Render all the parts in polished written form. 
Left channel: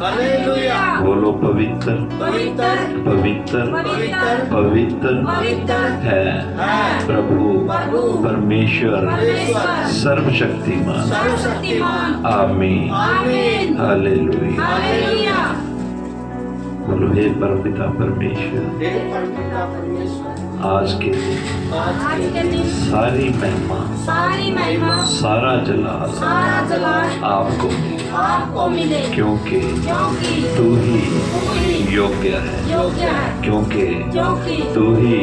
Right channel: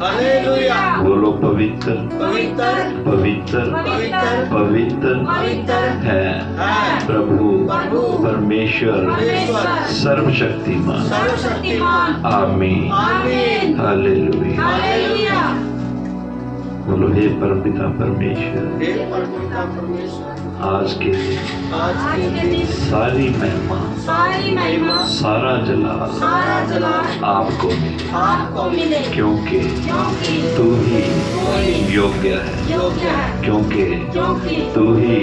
Hallelujah. बोलो पवित्र पवित्र पवित्र पवित्र पवित्र पवित्र है है प्रभु प्रभु परमेश्वर परमेश्वर सर्वशक्तिमान। सर्वशक्तिमान। आमीन आमीन। हालेलुया। हालेलुया। बोलो हे परमपिता परमेश्वर, हे परमपिता परमेश्वर, आज के दिन सारी महिमा सारी महिमा सारा जलाल सारा जलाल आपको मिले, क्योंकि क्योंकि तू ही योग्य है, योग्य है, क्योंकि तू ही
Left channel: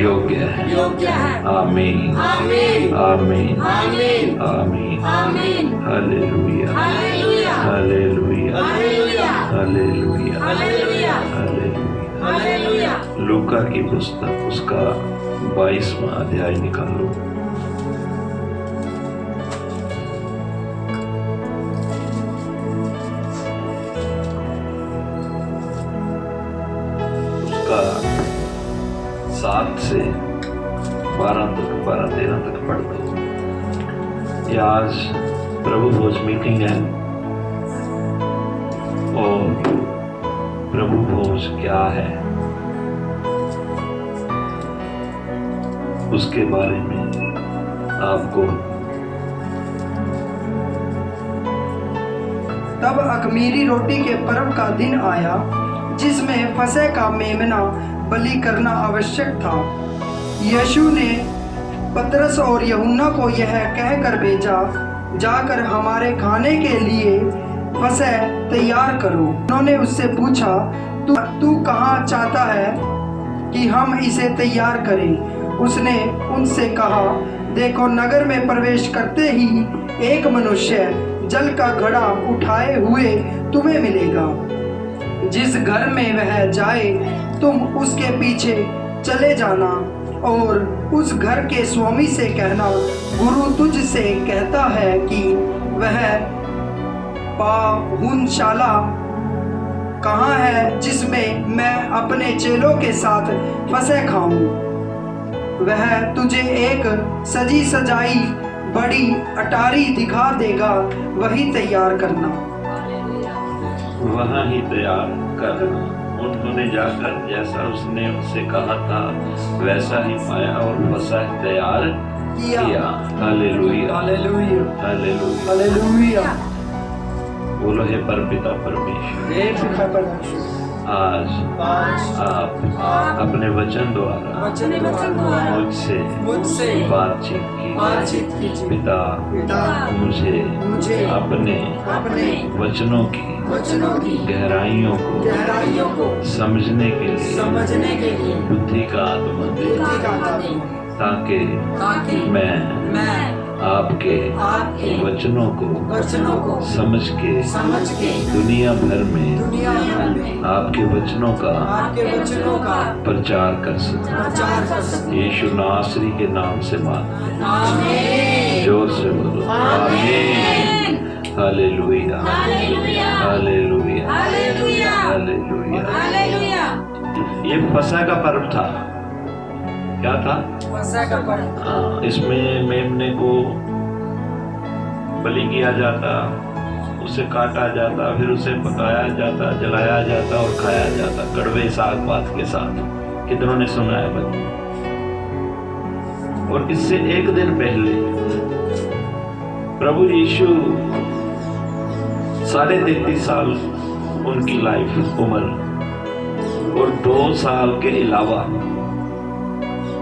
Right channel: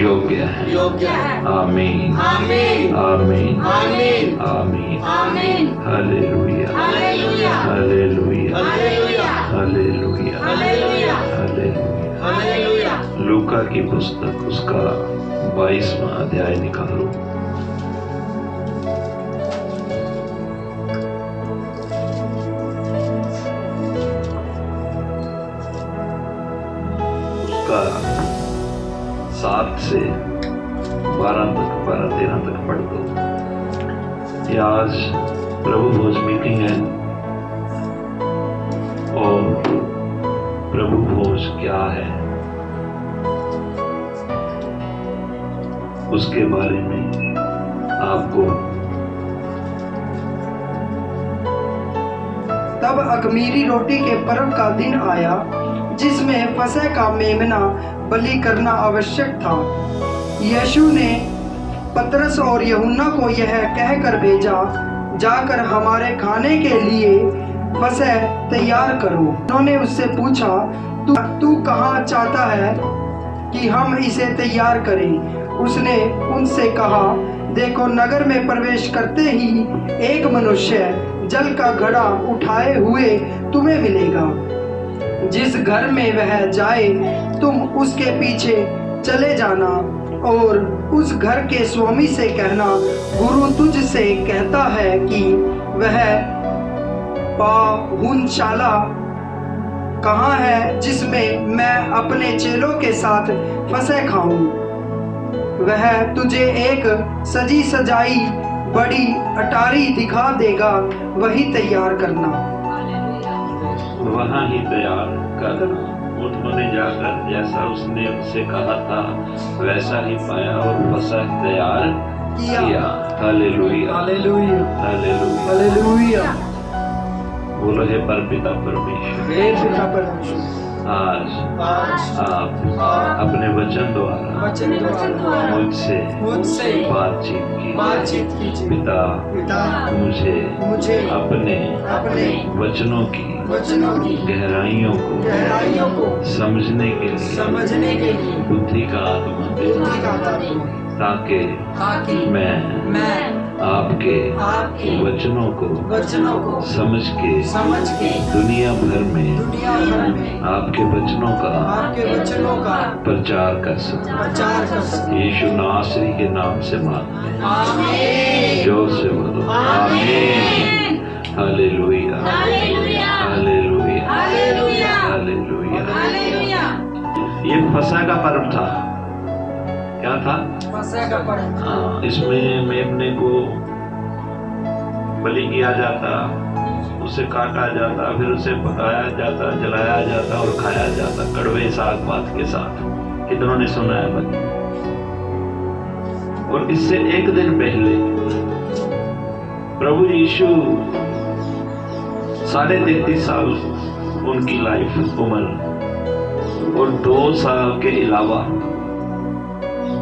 योग्य है। आमीन आमीन आमीन आमीन आमीन आमीन। Hallelujah hallelujah hallelujah hallelujah hallelujah hallelujah hallelujah. Hallelujah. लूका की पुस्तक उसका 22वां अध्याय निकालो। उसका 7 से 12-13 तक पढ़ दो। ये आज प्रभु भोज मीटिंग है और प्रभु भोज क्या है उसके बारे में आपको। तब अख़मीरी रोटी के पर्व का दिन आया, जिसमें फसह का मेमना बलि करना आवश्यक था। यीशु ने पतरस और यूहन्ना को यह कहकर भेजा, जाकर हमारे खाने के लिए फसह तैयार करो। उन्होंने उससे पूछा, तू कहाँ चाहता है कि हम इसे तैयार करें? उसने उनसे कहा, देखो, नगर में प्रवेश करते ही एक मनुष्य जल का घड़ा उठाए हुए तुम्हें मिलेगा। जिस घर में वह जाए तुम उसके पीछे चले जाना और उस घर के स्वामी से कहना, गुरु तुझसे कहता है कि वह पाहुनशाला कहाँ है जिसमें मैं अपने चेलों के साथ फसह खाऊं। वह तुझे एक सजी सजाई बड़ी अटारी दिखा देगा, वही तैयार करना। वहाँ ही तैयार करना। उन्होंने जाकर जैसा उसने उनसे कहा था वैसा ही पाया और फसह तैयार किया। Hallelujah hallelujah hallelujah hallelujah. बोलो हे परमपिता परमेश्वर, हे पिता परमेश्वर, आज आप अपने वचन द्वारा मुझसे बातचीत कीजिए। पिता मुझे अपने वचनों की गहराइयों को समझने के लिए बुद्धि का आत्मा दे, ताकि मैं आपके वचनों को समझ के दुनिया भर में आपके वचनों का प्रचार कर सकूं। यीशु नासरी के नाम से मांगते हैं, जोर से बोलो आमीन। Hallelujah hallelujah hallelujah. ये फसह का पर्व था। क्या था? हाँ, इसमें मेमने को बलि किया जाता, उसे काटा जाता, फिर उसे पकाया जाता, जलाया जाता और खाया जाता कड़वे साग पात के साथ। कितनों ने सुना है बच्चे? और इससे एक दिन पहले प्रभु यीशु 33.5 साल उनकी लाइफ उम्र और 2 साल के अलावा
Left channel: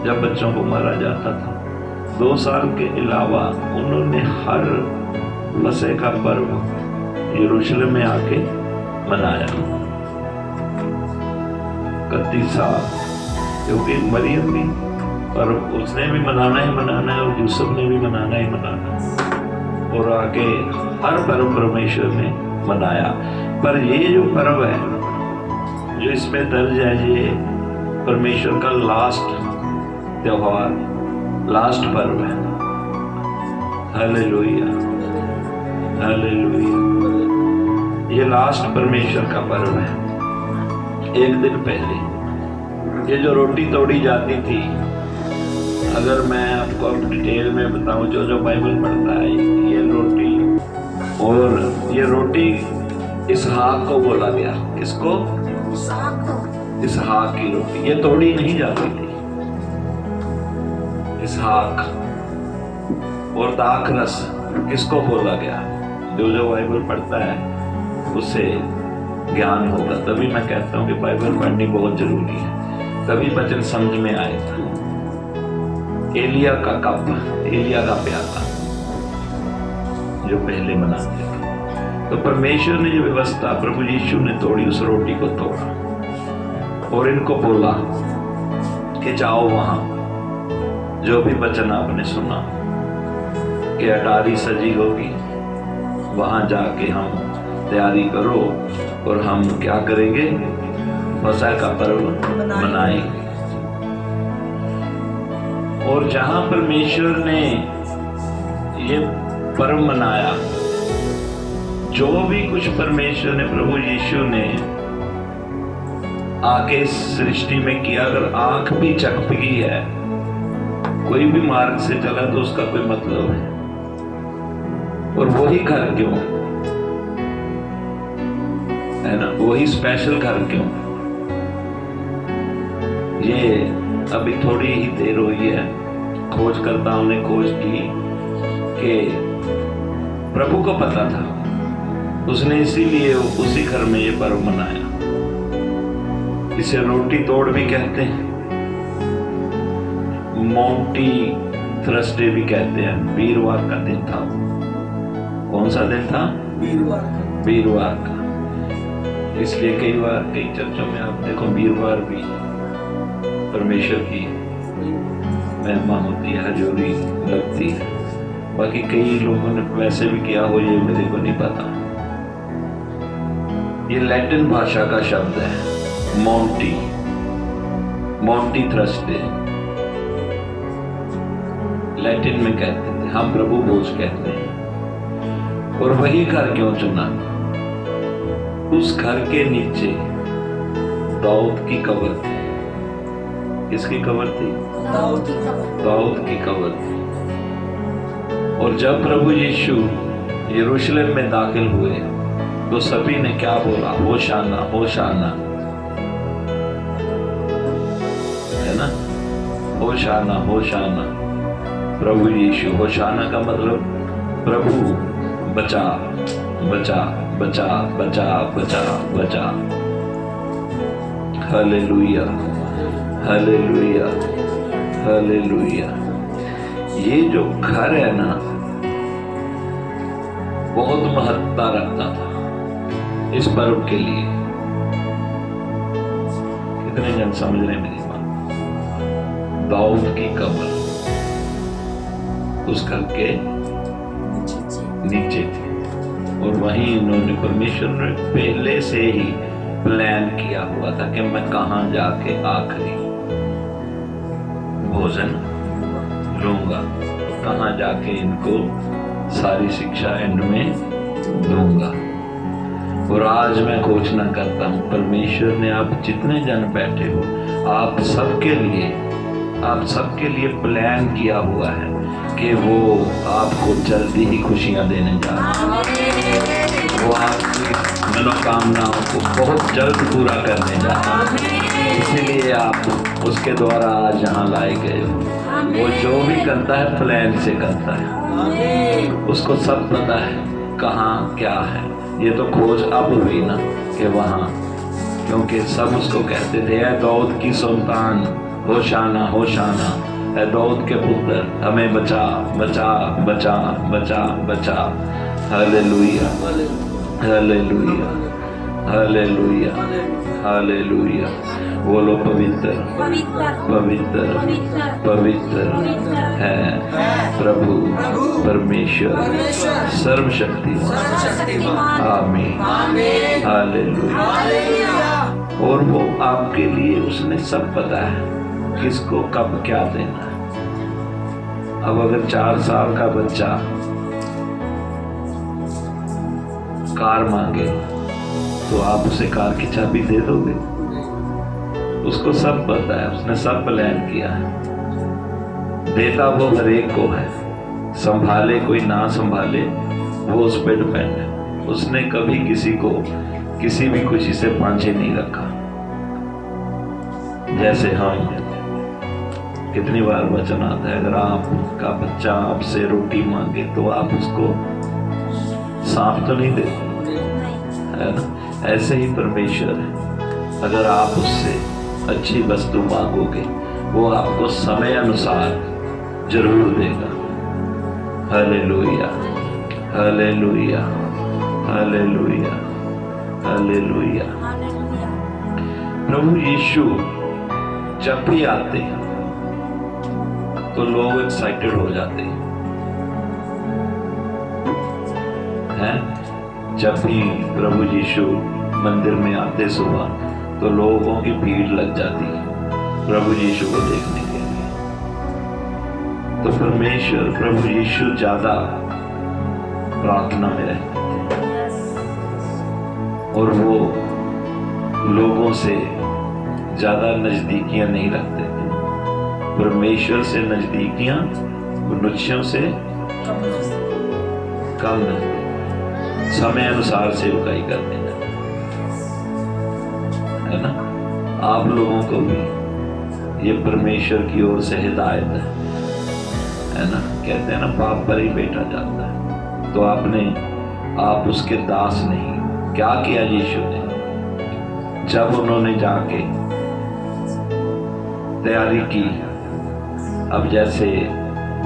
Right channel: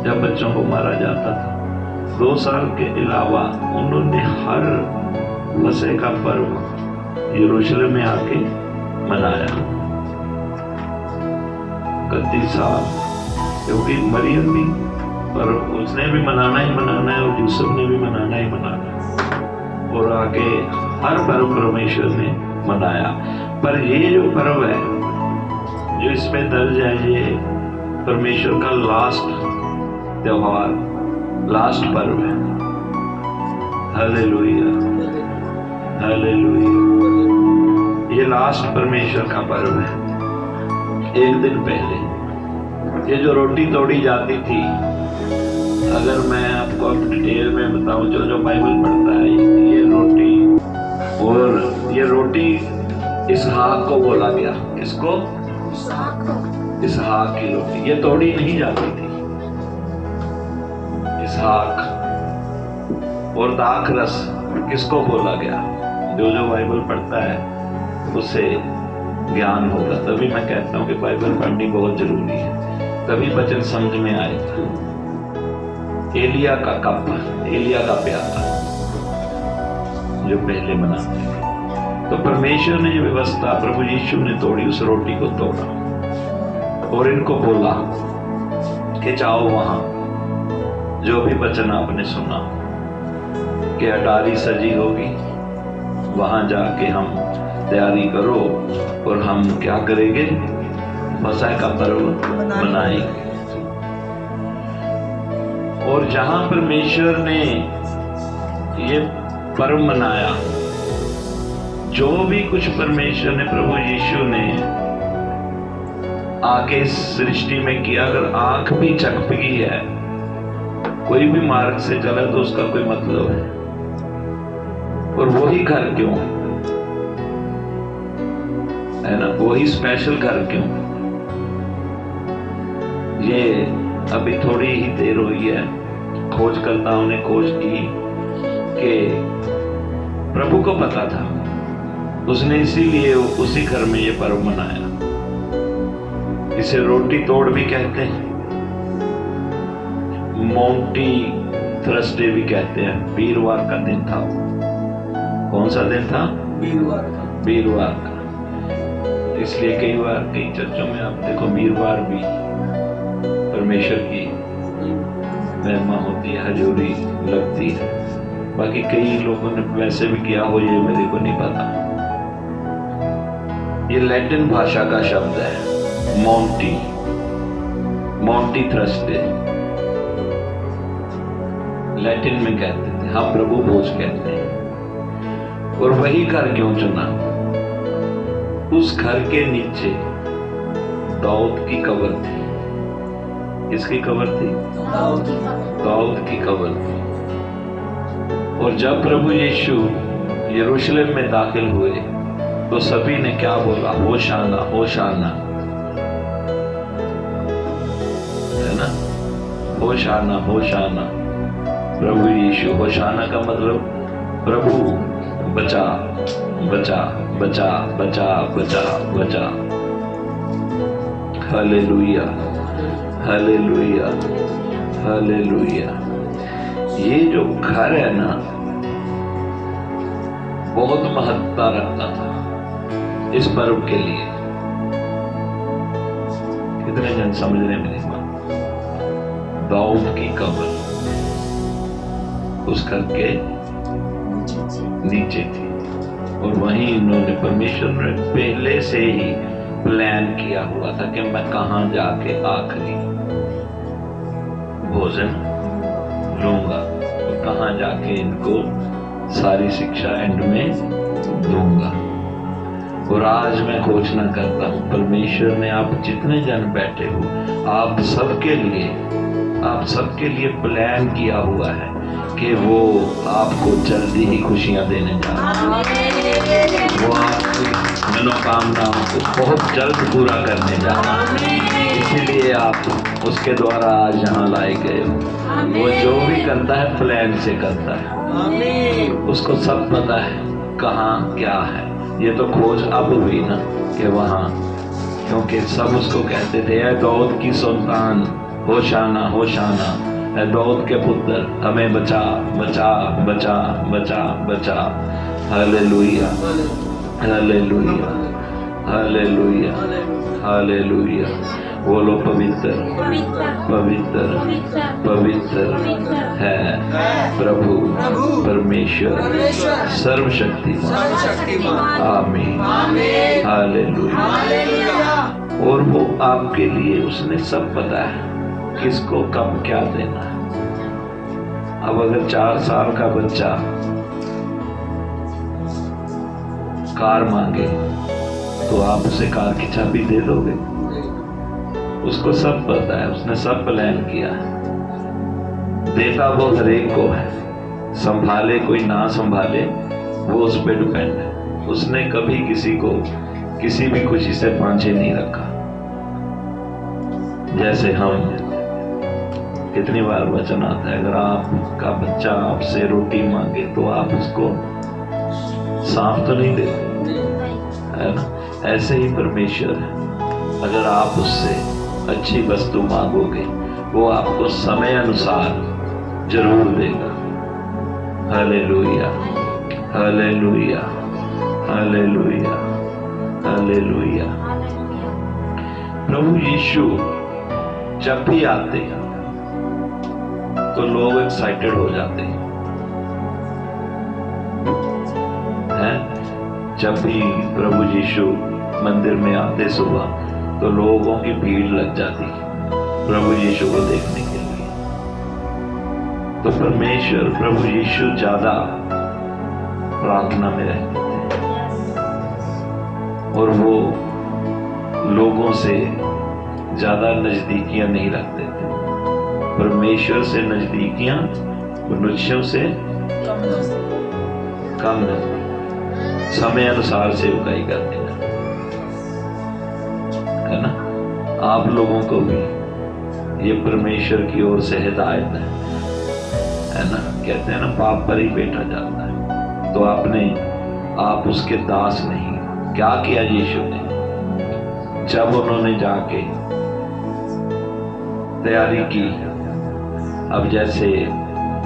जब बच्चों को मारा जाता था, 2 साल के अलावा उन्होंने हर फसह का पर्व यरूशलेम में आके मनाया। 31 साल, क्योंकि मरियम भी, पर उसने भी मनाना ही मनाना है और यूसुफ ने भी मनाना ही मनाना है, और आके हर पर्व परमेश्वर ने मनाया। पर ये जो पर्व है जो इसमें दर्ज है, ये परमेश्वर का लास्ट त्योहार, लास्ट पर्व है। Hallelujah hallelujah. ये लास्ट परमेश्वर का पर्व है। एक दिन पहले ये जो रोटी तोड़ी जाती थी, अगर मैं आपको डिटेल में बताऊं, जो बाइबल पढ़ता है, ये रोटी इसहाक को बोला गया। इसको इसहाक की रोटी, ये तोड़ी नहीं जाती थी। इसहाक और दाख रस किसको बोला गया? जो बाइबल पढ़ता है उससे ज्ञान होगा। तभी मैं कहता हूँ कि बाइबल पढ़नी बहुत जरूरी है, तभी वचन समझ में आएगा। एलिया का कप, एलिया का प्याला जो पहले बनाते थे। तो परमेश्वर ने जो व्यवस्था, प्रभु यीशु ने तोड़ी, उस रोटी को तोड़ा और इनको बोला कि जाओ वहां, जो भी वचन आपने सुना कि अटारी सजी होगी, वहां जाके हम तैयारी करो और हम क्या करेंगे? फसह का पर्व मनाएंगे। और जहां परमेश्वर ने ये पर्व मनाया, जो भी कुछ परमेश्वर ने, प्रभु यीशु ने आके सृष्टि में किया, अगर आंख भी चकपकी है, कोई भी मार्ग से चला तो उसका कोई मतलब है। और वही घर क्यों है ना? वही स्पेशल घर क्यों? ये अभी थोड़ी ही देर हुई है, खोजकर्ताओं ने खोज की कि प्रभु को पता था, उसने इसीलिए उसी घर में ये पर्व मनाया। इसे रोटी तोड़ भी कहते हैं, माउंटी थर्सडे भी कहते हैं। वीरवार का दिन था वो। कौन सा दिन था? वीरवार का। इसलिए कई बार कई चर्चों में आप देखो वीरवार भी परमेश्वर की महिमा होती है, हजूरी लगती है। बाकी कई लोगों ने वैसे भी किया हो, ये मेरे को नहीं पता। ये लैटिन भाषा का शब्द है, माउंटी, माउंटी थर्सडे लैटिन में कहते थे, हम प्रभु भोज कहते हैं। और वही घर क्यों चुना? उस घर के नीचे दाऊद की कब्र थी। किसकी कब्र थी? दाऊद की कब्र थी। और जब प्रभु यीशु यरूशलेम में दाखिल हुए तो सभी ने क्या बोला? होशाना, होशाना, है ना? होशाना, होशाना। प्रभु यीशु, होशाना का मतलब प्रभु बचा, बचा, बचा, बचा, बचा, बचा। Hallelujah, hallelujah, hallelujah. ये जो घर है ना, बहुत महत्ता रखता था इस पर्व के लिए। कितने जन समझ रहे मेरी बात? दाऊद की कब्र उस घर के नीचे थी, और वहीं इन्होंने, परमेश्वर ने पहले से ही प्लान किया हुआ था कि मैं कहां जाके आखिरी भोजन लूंगा, तो कहां जाके इनको सारी शिक्षा एंड में दूंगा। और आज मैं घोषणा करता हूं, परमेश्वर ने आप जितने जन बैठे हो, आप सबके लिए प्लान किया हुआ है कि वो आपको जल्दी ही खुशियां देने जा रहा है। वो आपकी मनोकामनाओं को बहुत जल्द पूरा करने जा रहा है। इसीलिए आप उसके द्वारा आज यहाँ लाए गए हो। वो जो भी करता है प्लान से करता है, उसको सब पता है कहाँ क्या है। ये तो खोज अब हुई ना कि वहाँ, क्योंकि सब उसको कहते थे, ऐ दाऊद की संतान, होशाना, होशाना, ऐ दाऊद के पुत्र, हमें बचा, बचा, बचा, बचा, बचा। Hallelujah, hallelujah, hallelujah, hallelujah. बोलो पवित्र, पवित्र, पवित्र है प्रभु परमेश्वर सर्वशक्तिमान। आमीन, हालेलुया। और वो आपके लिए उसने सब पता है किसको कब क्या देना। अब अगर 4 साल का बच्चा कार मांगे तो आप उसे कार की चाबी दे दोगे? उसको सब पता है, उसने सब प्लान किया है। देता वो हर एक को है, संभाले कोई ना संभाले वो उस पर डिपेंड है। उसने कभी किसी को किसी भी खुशी से बांझे नहीं रखा। जैसे हम कितनी बार वचन आता है, अगर आपका बच्चा आपसे रोटी मांगे तो आप उसको सांप तो नहीं देते, है ना? ऐसे ही परमेश्वर अगर आप उससे अच्छी वस्तु मांगोगे वो आपको समय अनुसार जरूर देगा। Hallelujah, hallelujah, hallelujah, hallelujah. प्रभु यीशु जब भी आते हैं तो लोग एक्साइटेड हो जाते हैं। जब भी प्रभु यीशु मंदिर में आते सुबह तो लोगों की भीड़ लग जाती है प्रभु यीशु को देखने के लिए। तो परमेश्वर प्रभु यीशु ज्यादा प्रार्थना में रहते थे और वो लोगों से ज्यादा नजदीकियां नहीं रखते थे। परमेश्वर से नजदीकियां मनुष्यों से कम रखते, समय अनुसार सेवकाई करते है ना। आप लोगों को भी ये परमेश्वर की ओर से हिदायत है ना। कहते हैं ना, बाप पर ही बेटा जाता है। तो आप उसके दास नहीं। क्या किया यीशु ने? जब उन्होंने जाके तैयारी की, अब जैसे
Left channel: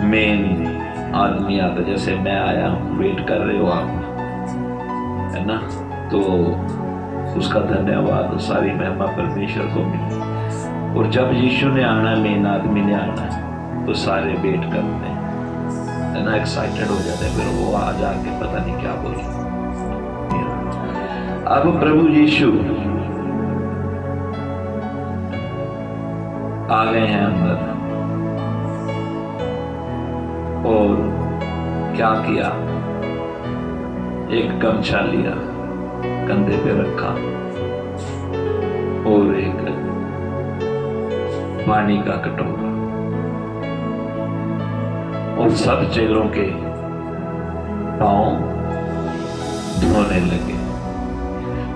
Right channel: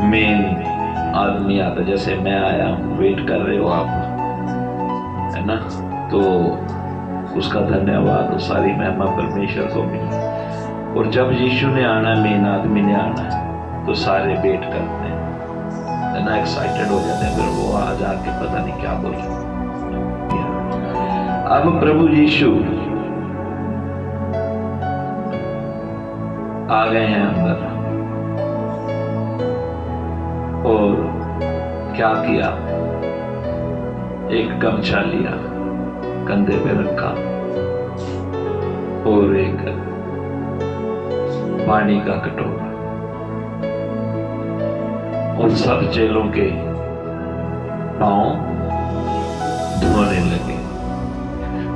मेन आदमी आता, जैसे मैं आया हूं, वेट कर रहे हो आप, है ना, तो उसका धन्यवाद और सारी महिमा परमेश्वर को मिली। और जब यीशु ने आना, मेन आदमी ने आना, तो सारे वेट करते हैं, है ना, एक्साइटेड हो जाते हैं। फिर वो आ जाके पता नहीं क्या बोले। अब प्रभु यीशु आ गए हैं अंदर और क्या किया? एक गमछा लिया, कंधे पे रखा और एक पानी का कटोरा, और सब चेलों के पांव धोने लगे।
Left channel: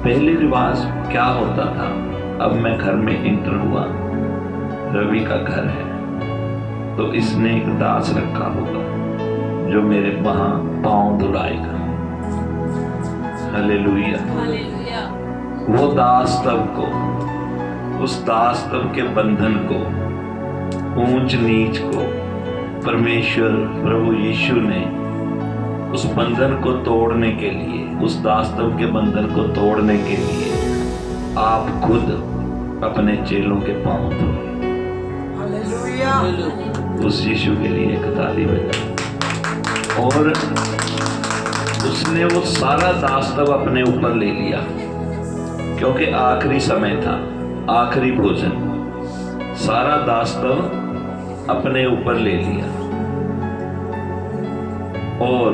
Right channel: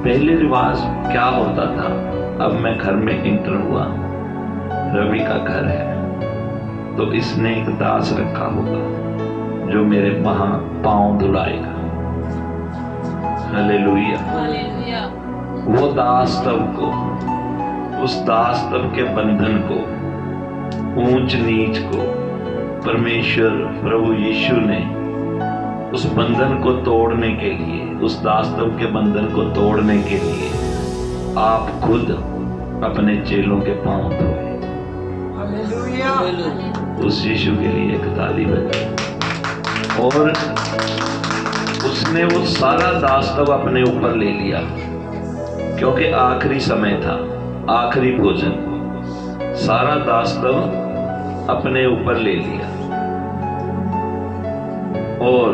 पहले रिवाज क्या होता था? अब मैं घर में इंटर हुआ, रवि का घर है, तो इसने एक दास रखा होगा जो मेरे वहां पांव धुलाएगा। Hallelujah, hallelujah. वो दास तब को, उस दास तब के बंधन को, ऊंच नीच को परमेश्वर प्रभु यीशु ने उस बंधन को तोड़ने के लिए, उस दास तब के बंधन को तोड़ने के लिए आप खुद अपने चेलों के पांव धोए। उस यीशु के लिए एक ताली बजाए। और उसने वो सारा दास्तव अपने ऊपर ले लिया, क्योंकि आखिरी समय था, आखिरी भोजन, सारा दास्तव अपने ऊपर ले लिया। और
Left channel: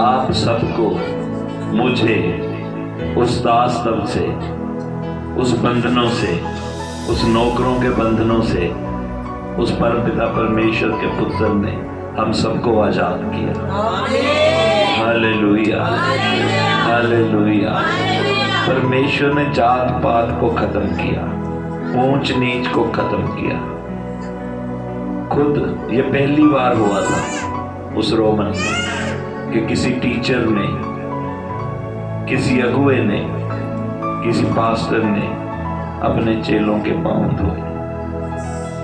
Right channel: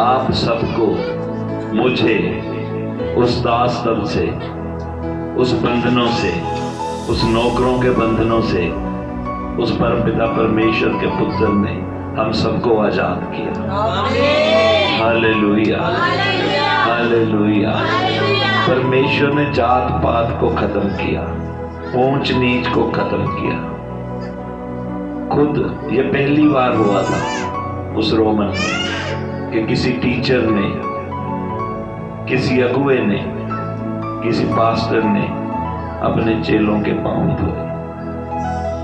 आप सबको, मुझे उस दास्तव से, उस बंधनों से, उस नौकरों के बंधनों से, उस परमपिता परमेश्वर के पुत्र ने हम सबको आजाद किया। Hallelujah, hallelujah. परमेश्वर ने जात पात को खत्म किया, ऊंच नीच को खत्म किया। खुद ये पहली बार हुआ था उस रोमन में कि किसी टीचर ने, किसी अगुए ने, किसी पास्टर ने अपने चेलों के पांव धोए।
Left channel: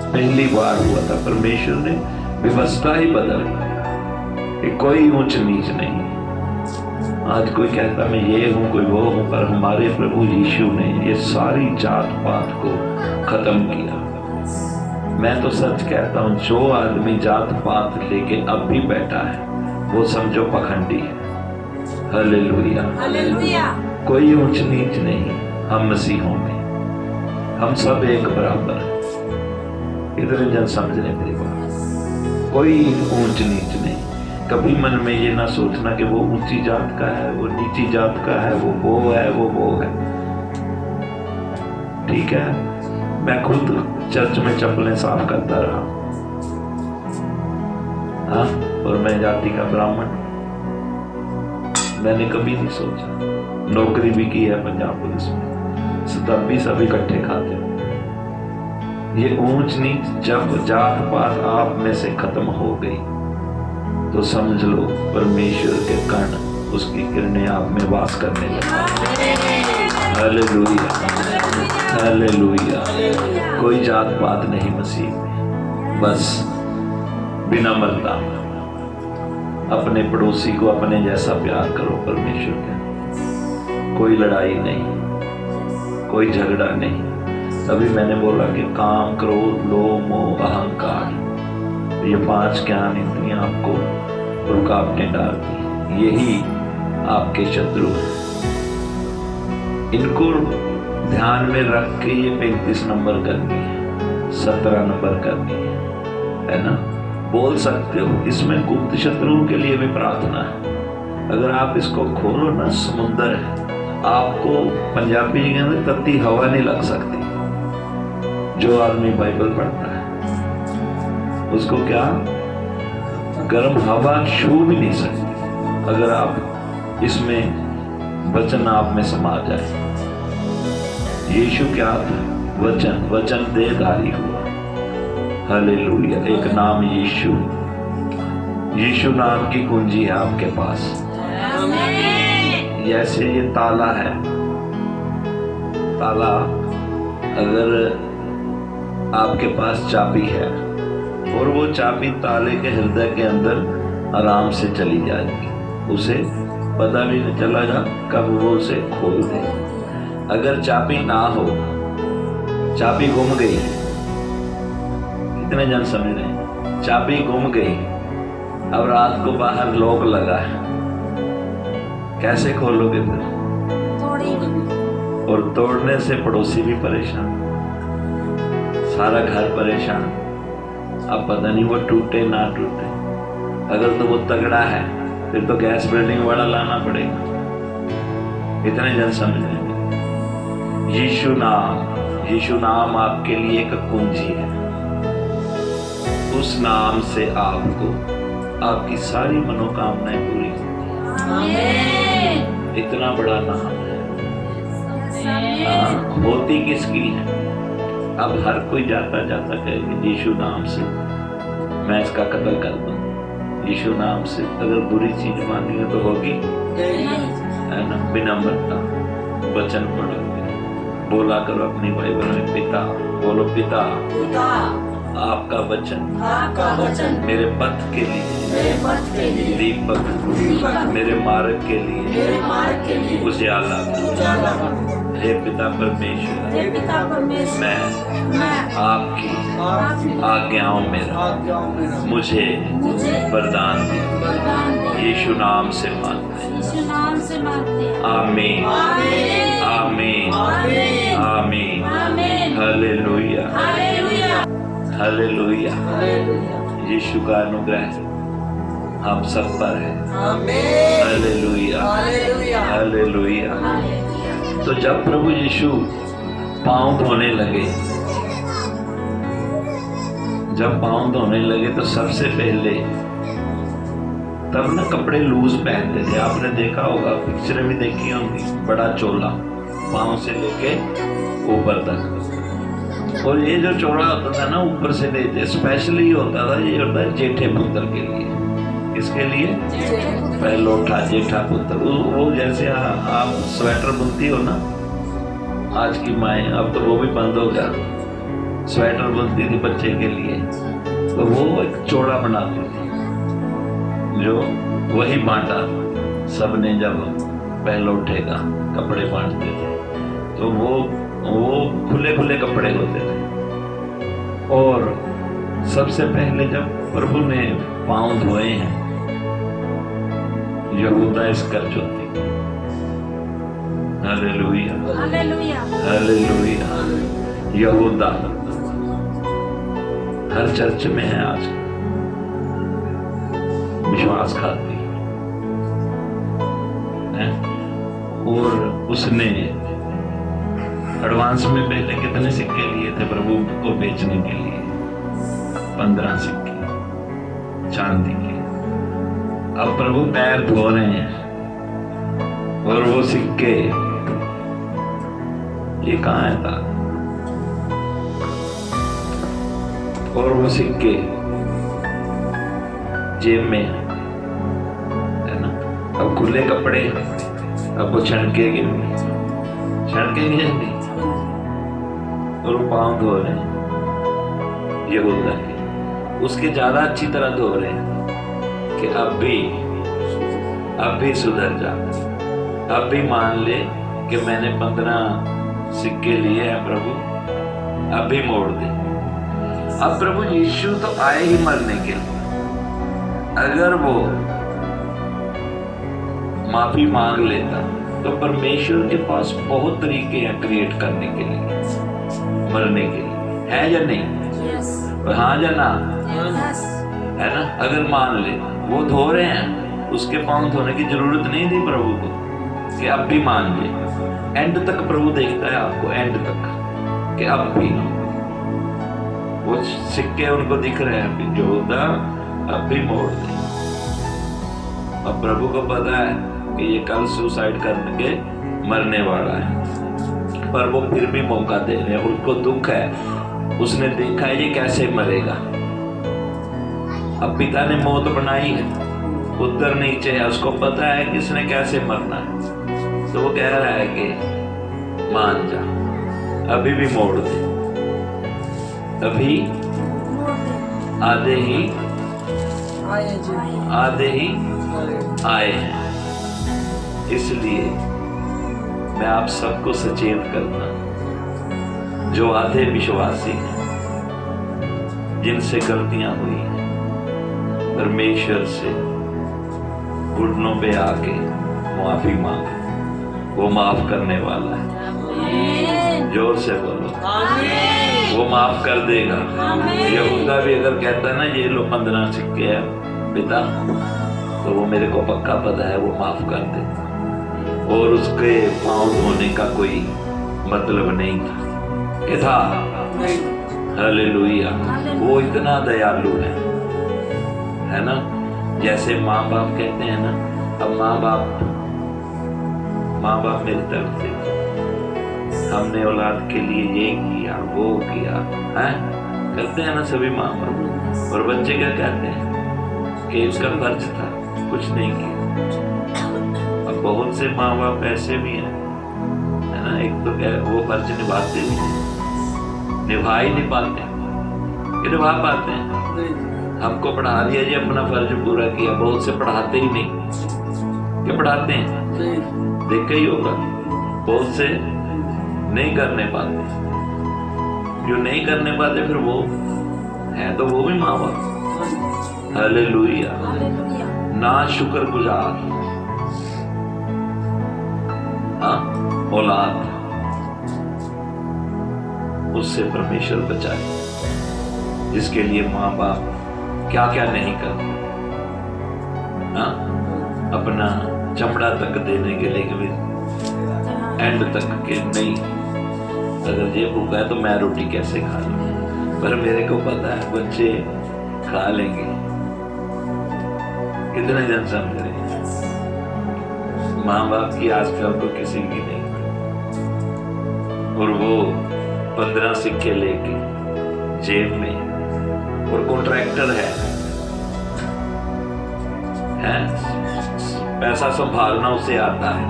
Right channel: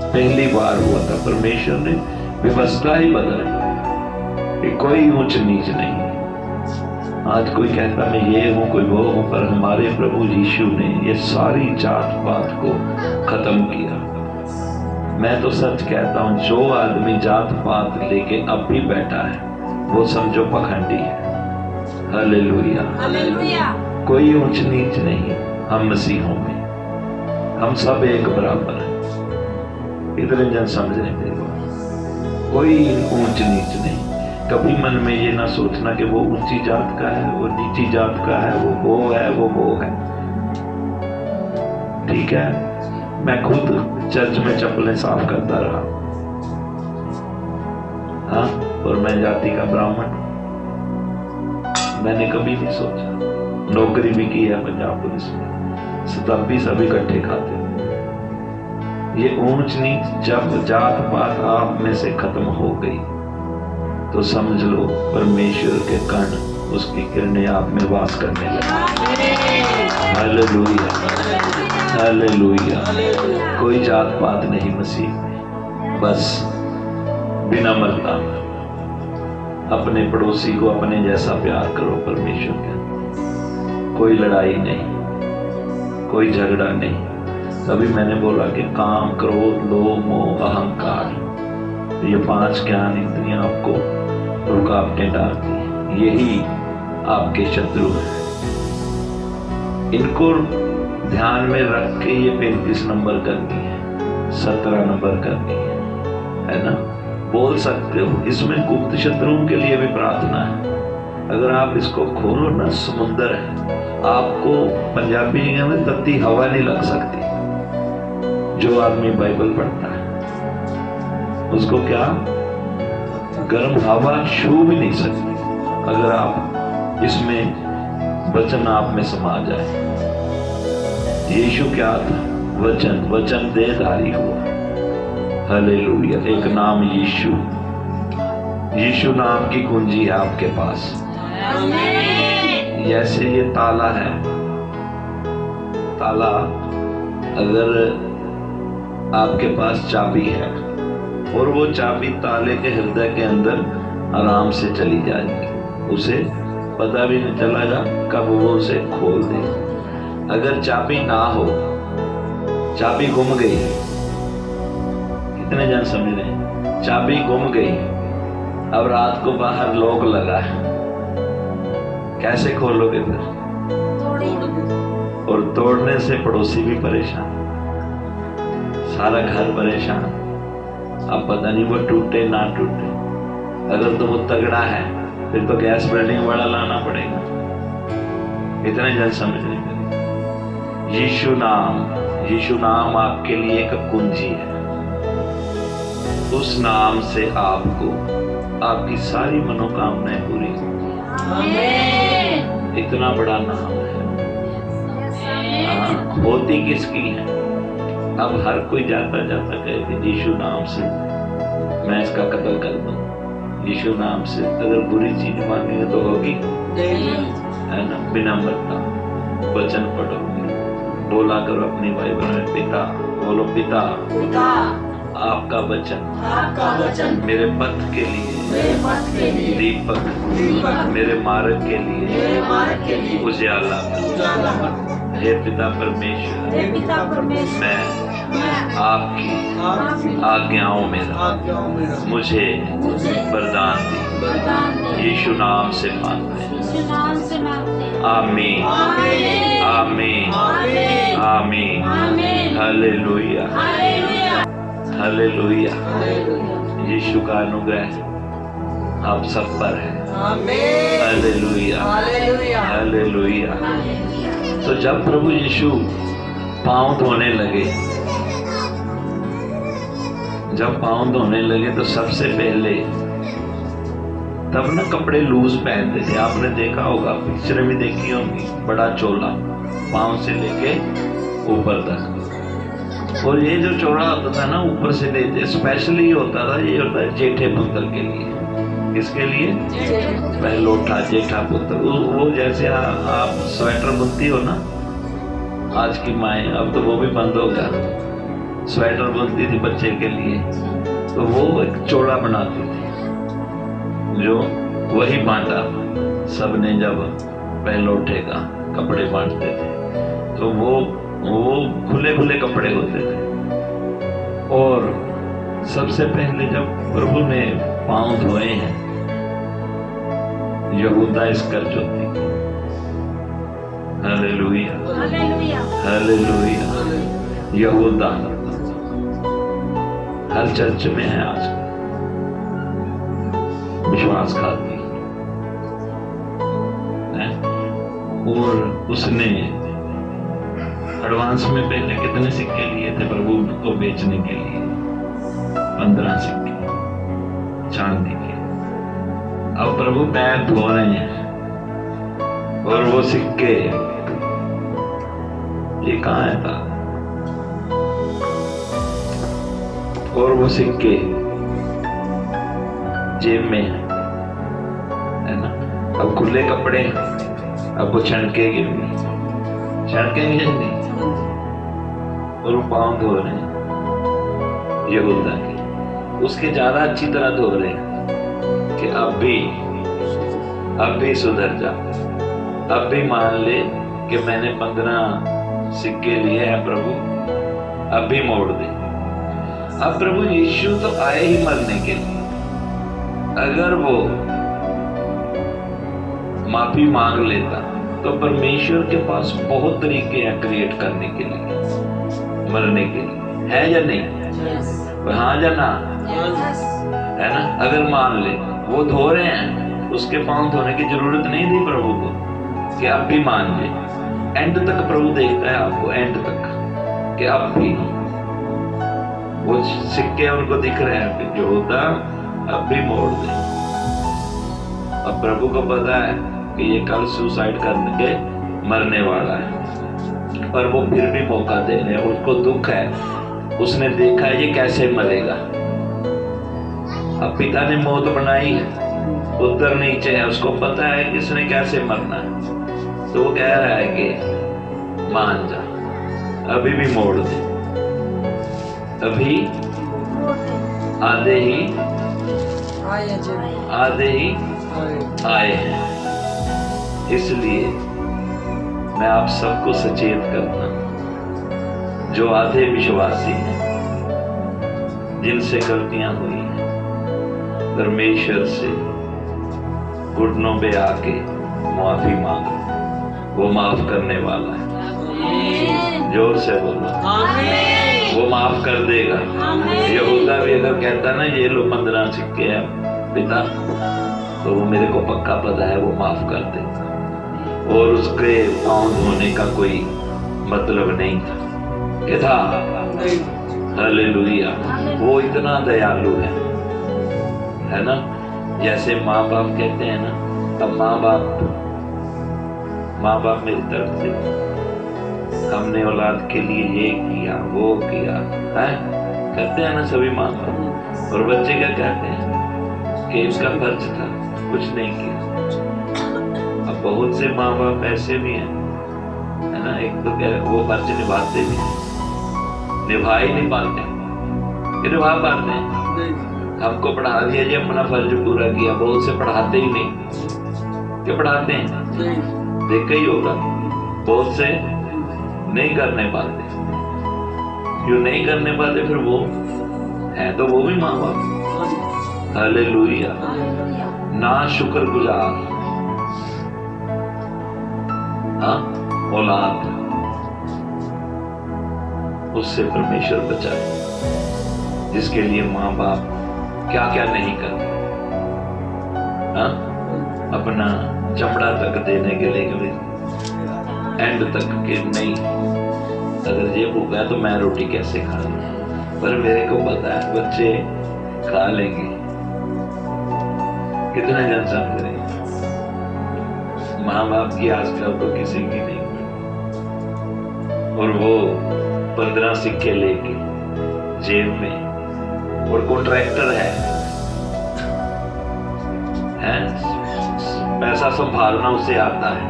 पहली बार हुआ था। परमेश्वर ने व्यवस्था ही बदल कि कोई ऊंच नीच नहीं। आज कोई कहता मैं ये हूं, कोई वो हूं, पर हमारे प्रभु यीशु ने ये सारी जात पात को खत्म किया। मैं तो सच कहता हूं, जो आदमी जात पात लेके अब भी बैठा है वो समझो पखंडी है। Hallelujah, hallelujah. कोई ऊंच नीच नहीं। हम मसीहों में, हम सब एक बराबर हैं। इतने जन समझ रहे मेरी बात। कोई ऊंच नीच नहीं। कभी मन में ये ना सोचना कि वो ऊंची जात का है, वो नीची जात का है, वो है, वो है। ठीक है, मैं खुद चर्च में चप्पलें साफ करता रहा, हाँ, और मैं जाति का ब्राह्मण, मैंने कभी नहीं सोचा। नौकरी भी की है पंजाब पुलिस में, शताब्दी सब इकट्ठे खाते हैं। ये ऊंच नीच जब जात पात आप में से खत्म हो गई तो समझ लो परमेश्वर के कण उसकी किरणें आप में वास करने लगी। Hallelujah, hallelujah. कोई जात पात नहीं मसीह, बस विनम्रता, अपने पड़ोसी को अपने जैसा प्यार करो परमेश्वर के। कोई लड़ाई नहीं, कोई झगड़ा नहीं। अभी मैंने बोला कि काम, क्रोध, लोभ, मोह, अहंकार, ये 5 ज्ञान इंद्रियां आपको रुकावटें डालती हैं। यही आपके शत्रु हैं। इनको ध्यान में रख के ये 35 नंबर करनी है, 17 नंबर करनी है ना। बोल सकते हो, इसमें गुप्त शत्रुओं के लिए भी प्रार्थना है। अगर आप इसको खोलो ना, समुंदर है। आपको पंजाबी जी कहते तत्ती हवा नहीं लग सकती। जो आदमी बाइबल पढ़ता है उसको क्या गर्म हवा छू भी नहीं सकती, अगर आप इसमें वचन आप में समा जाए। यीशु क्या था? वचन, वचन देहधारी हुआ। हालेलुया। एक नाम यीशु, यीशु नाम की कुंजी है आपके पास। जैसे ये ताला है, ताला अगर आपके पास चाबी है और वो चाबी ताले के हृदय के अंदर आराम से चली जाएगी, उसे पता भी नहीं चलेगा कब वो उसे खोल दे। अगर चाबी ना हो, चाबी गुम गई, कितने जन समझ रहे हैं? चाबी गुम गई, अब रात को बाहर लॉक लगा है, कैसे खोलोगे फिर? और तोड़ने से पड़ोसी भी परेशान, सारा घर परेशान। अब पता नहीं वो टूटे ना टूटे। अगर तो वो तगड़ा है फिर तो गैस बिल्डिंग वाला लाना पड़ेगा। इतने जन समझ लेंगे। यीशु नाम आपके लिए एक कुंजी है। उस नाम से आपको आपकी सारी मनोकामनाएं पूरी होंगी। इतना बड़ा नाम है। होती किसकी है? अब हर कोई जाता जाता कहेगा यीशु नाम से मैं इसका कत्ल कर दूं। यीशु नाम से अगर बुरी चीज मांगेंगे तो होगी है ना। विनम्रता, वचन पढ़ोगे, बोला करो अपनी बाइबल में पिता, बोलो पिता, आपका वचन मेरे पथ के लिए दीपक, मेरे मार्ग के लिए उजाला। हे पिता परमेश्वर, मैं आपकी आज्ञाओं में मुझे वरदान दी। यीशु नाम से मांगते हैं। आमीन, आमीन, आमीन। Hallelujah, hallelujah. यीशु का अनुग्रह आप सब पर है। Hallelujah, hallelujah. तो जब प्रभु यीशु पांव धोने लगे, तो सबसे पहले तब ना कपड़े लूज पहनते थे। आपने देखा होगा, पिक्चर भी देखी होंगी, बड़ा चोला पांव से लेके ऊपर तक। और ये जो चोला होता था ना ऊपर से लेते, स्पेशली होता था, ये होता है जेठे पुत्र के लिए। किसके लिए? पहलोठा, जेठा पुत्र। वो जैसे आप स्वेटर बुनती हो ना, आज की माएँ, अब तो वो भी बंद हो गया, स्वेटर बुनती थी बच्चे के लिए, तो वो एक चोला बनाती थी जो वही बांटा सबने। जब पहलोठे का कपड़े बांटते थे तो वो खुले खुले कपड़े होते थे। और सबसे पहले जब प्रभु ने पांव धोए हैं, यहूदा इस्करियोती, हालेलुया, हालेलुया। यहूदा हर चर्च में है आज, विश्वासघाती है। और उसने एडवांस में पहले कितने सिक्के लिए थे प्रभु को बेचने के लिए? 15 सिक्के चांदी के। अब प्रभु पैर धो रहे हैं और वो सिक्के ये कहाँ है था, और वो सिक्के जेब में है ना। अब खुले कपड़े, अब वो छनकेगी नहीं, छनकेंगे नहीं, और वो पाँव धो रहे हैं यहूदा के, उसके ज्यादा अच्छी तरह धो रहे हैं कि अब भी सुधर जा, अब भी मान ले कि मैंने 15 सिक्के लिए हैं प्रभु, अब भी मोड़ दे। अब प्रभु यीशु तो आए ही मरने के लिए, अगर वो माफी मांग लेता तो परमेश्वर के पास बहुत तरीके हैं क्रिएट करने के लिए, मरने के लिए, है या नहीं? हाँ या ना? है ना? अगर मान ले वो धो रहे हैं, उसके पांव धोने की जरूरत नहीं थी प्रभु को कि अब भी मान ले। एंड तक प्रभु देखता है आपको, एंड तक कि अब भी वो सिक्के उनको दिख रहे हैं कि जो होता अब भी मोड़ दे। अब प्रभु को पता है कि ये कल सुसाइड करके मरने वाला है, पर वो फिर भी मौका दे रहे हैं। उसको दुख है, उसने देखा है ये कैसे मरेगा। अब पिता ने मौत बनाई है, पुत्र नीचे है, उसको पता है कि इसने कैसे मरना है, तो वो कह रहा है कि मान जा, अभी भी मोड़ दे, अभी आधे ही आए हैं। इसलिए मैं आप सबको सचेत करता हूं, जो आधे विश्वासी हैं, जिनसे गलतियां हुई हैं, परमेश्वर से घुटनों पे आके माफी मांगो, वो माफ करने वाला है। जोर से बोलो, वो माफ कर देगा। यहूदा भी अगर कहता ना ये लो 15 सिक्के हैं पिता, तो वो मेरे को पक्का पता है वो माफ कर दे, और उसके पांव धोने का कोई मतलब नहीं था, क्या था? हालेलुया। वो इतना दयालु है ना। जैसे माँ बाप कहते हैं ना, अब माँ बाप मेरी तरफ से हमने औलाद के लिए ये किया वो किया है, कहते हैं ना सभी माँ बाप। और बच्चे क्या कहते हैं कि इसका फर्ज था, कुछ नहीं किया। अब बहुत से माँ बाप ऐसे भी हैं, है ना, एक तो वो फर्ज निभाते भी नहीं, निभा ही नहीं पाते, निभा पाते हैं। हमको पढ़ा दिया जी, अपना फर्ज पूरा किया। बहुत से पढ़ाते ही नहीं, क्या पढ़ाते हैं? देखा ही होगा, बहुत से नहीं करने पाते। जो नहीं करने पाते फिर वो है तो वो भी माँ बाप। हालेलुया। ना शुक्रगुजार औलाद, उससे परमेश्वर बचाए, जिसके लिए माँ बाप क्या क्या नहीं करते, अपना चमड़ा तक देने के लिए एंड तक कि नहीं, अगर ये भूखा है तो मैं रोटी कैसे खा लूं, पर मेरे को पता है बच्चे खा लेंगे। कितने जन समझ रहे हैं? माँ बाप की आजकल तो किसी की नहीं। और वो 15 सिक्के लेके जेब में, और कॉन्ट्रैक्टर है, पैसा संभालना उसे आता है।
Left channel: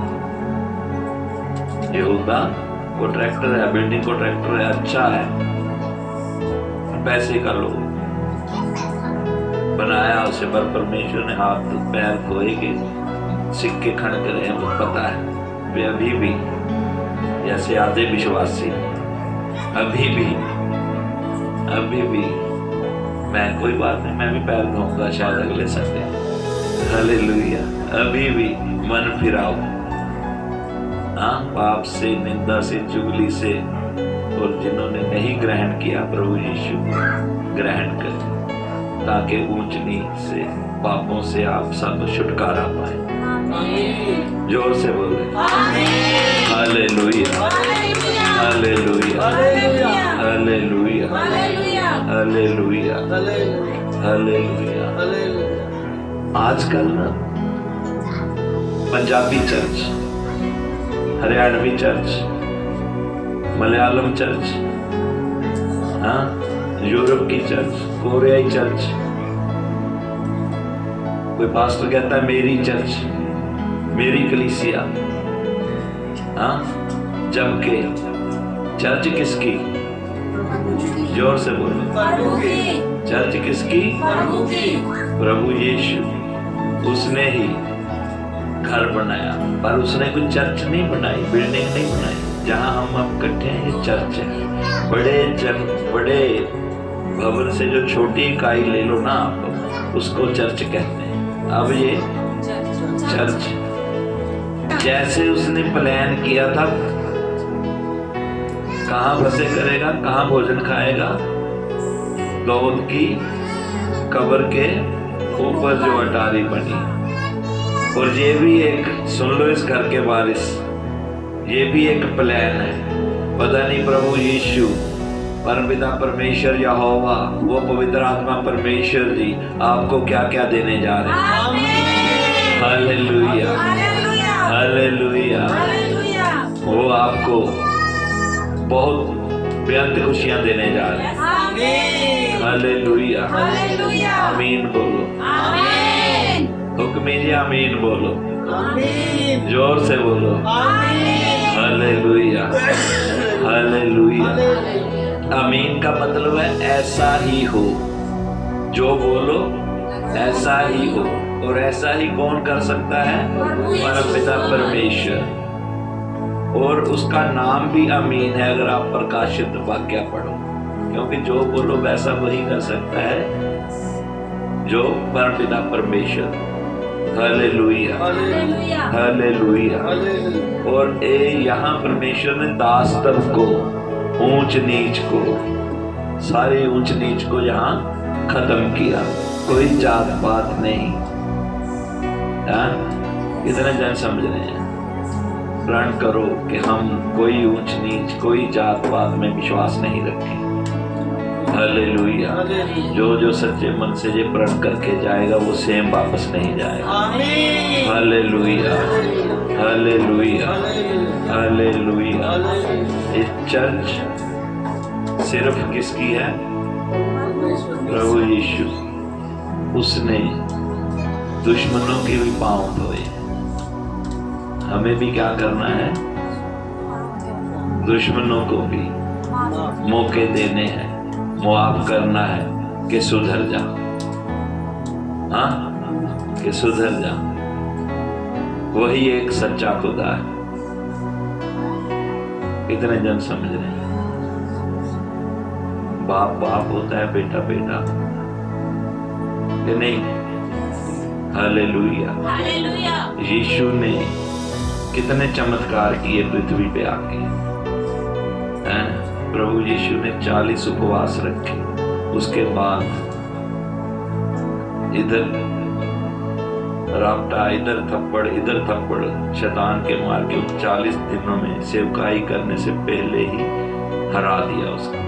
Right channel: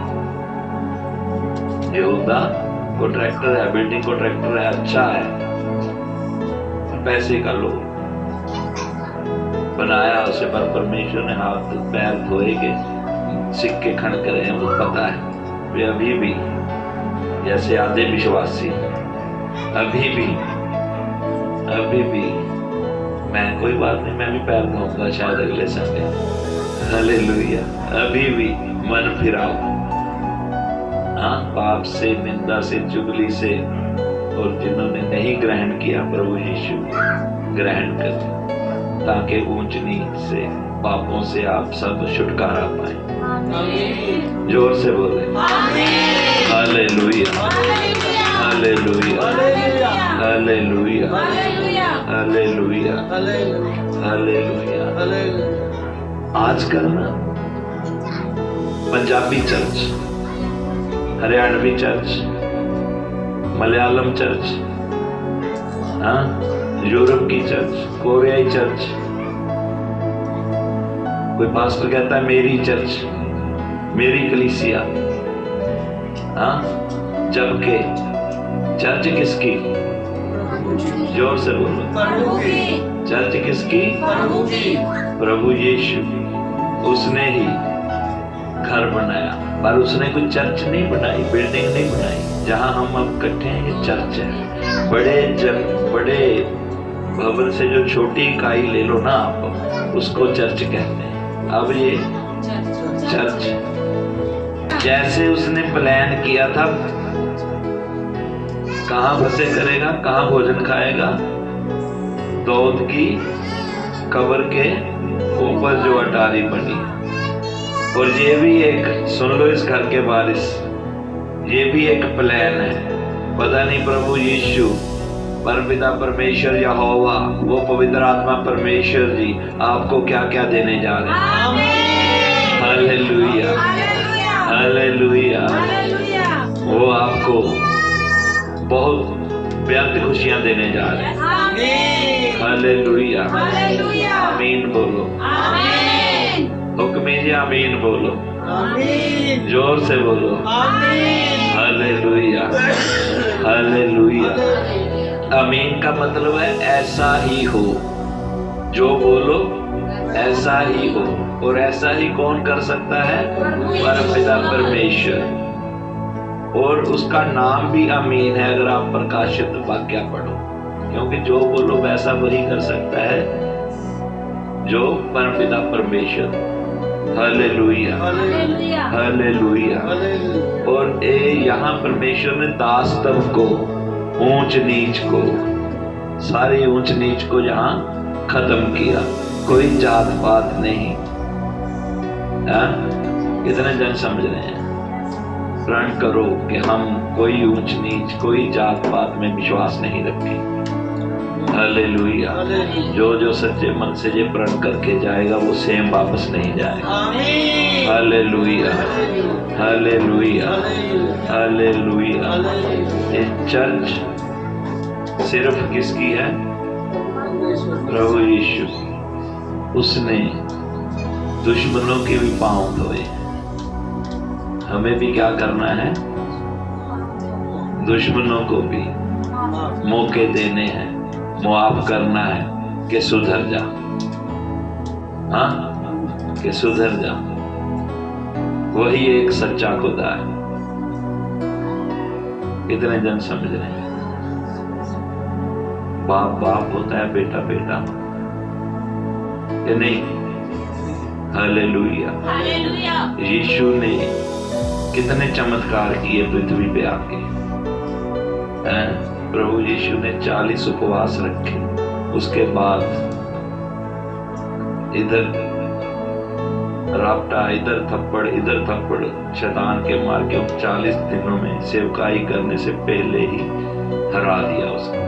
यहूदा कॉन्ट्रैक्टर है, बिल्डिंग कॉन्ट्रैक्टर है, अच्छा है, पैसे का लोग बनाया उसे, पर परमेश्वर ने हाथ पैर धोए के सिक्के खनक रहे हैं। मुझे पता है वे अभी भी जैसे आधे विश्वासी, अभी भी मैं कोई बात नहीं, मैं भी पैर धोऊंगा शायद अगले संडे। हालेलुया। अभी भी मन फिराओ, पाप से, निंदा से, चुगली से, और जिन्होंने नहीं ग्रहण किया प्रभु यीशु ग्रहण कर, ताकि ऊंच नीच से, पापों से आप सब छुटकारा पाए। जोर से बोले hallelujah, hallelujah, hallelujah, hallelujah, hallelujah. आजकल ना Punjabi church Haryanvi church, Malayalam church, हाँ, यूरोप की चर्च, कोरियाई चर्च। कोई पास्टर कहता है मेरी चर्च, मेरी कलीसिया, हाँ, जबकि चर्च किसकी? जोर से बोलो। प्रभु की। चर्च किसकी? प्रभु की। प्रभु यीशु, उसने ही घर बनाया, पर उसने कोई चर्च नहीं बनाई, बिल्डिंग नहीं बनाई। जहाँ हम अब इकट्ठे हैं ये चर्च है। बड़े भवन से जो छोटी इकाई ले लो ना आप, उसको चर्च कहते हैं। अब ये चर्च, जैसे उसने प्लान किया था, कहाँ बसे करेगा, कहाँ भोजन खाएगा? दौद की कब्र के ऊपर जो अटारी बनी। और ये भी एक, सुन लो इस घर के वारिस, ये भी एक प्लान है। पता नहीं प्रभु यीशु, परमपिता परमेश्वर यहोवा, वो पवित्र आत्मा परमेश्वर जी आपको क्या क्या देने जा रहे हैं। Hallelujah, hallelujah. वो आपको बहुत बेहद खुशियां देने जा रहे हैं। हालेलुया, आमीन बोलो। हुक्म जी आमीन बोलो, जोर से बोलो। Hallelujah, hallelujah. आमीन का मतलब है ऐसा ही हो, जो बोलो ऐसा ही हो। और ऐसा ही कौन कर सकता है? परमपिता परमेश्वर। और उसका नाम भी आमीन है। अगर आप प्रकाशित वाक्य पढ़ो, क्योंकि जो बोलो वैसा वही कर सकता है जो परमपिता परमेश्वर। Hallelujah, hallelujah. और यहाँ परमेश्वर ने दासत्व को, ऊंच नीच को, सारी ऊंच नीच को यहाँ खत्म किया। कोई जात पात नहीं। कितने जन समझ रहे हैं? प्रण करो कि हम कोई ऊंच नीच, कोई जात पात में विश्वास नहीं रखें। हालेलुया। जो सच्चे मन से ये प्रण करके जाएगा वो सेम वापस नहीं जाएगा। Hallelujah, hallelujah, hallelujah. ये चर्च सिर्फ किसकी है? प्रभु यीशु। उसने दुश्मनों के भी पांव धोए। हमें भी क्या करना है? दुश्मनों को भी मौके देने हैं, मुआफ करना है कि सुधर जा। हाँ, कि सुधर जा। वही एक सच्चा खुदा है। कितने जन समझ रहे हैं? बाप बाप होता है, बेटा बेटा कि नहीं? Hallelujah, hallelujah. यीशु ने कितने चमत्कार किए पृथ्वी पे आके। प्रभु यीशु ने 40 उपवास रखे। उसके बाद इधर रापटा, इधर थप्पड़ शैतान के मार के 40 दिनों में सेवकाई करने से पहले ही हरा दिया उसको।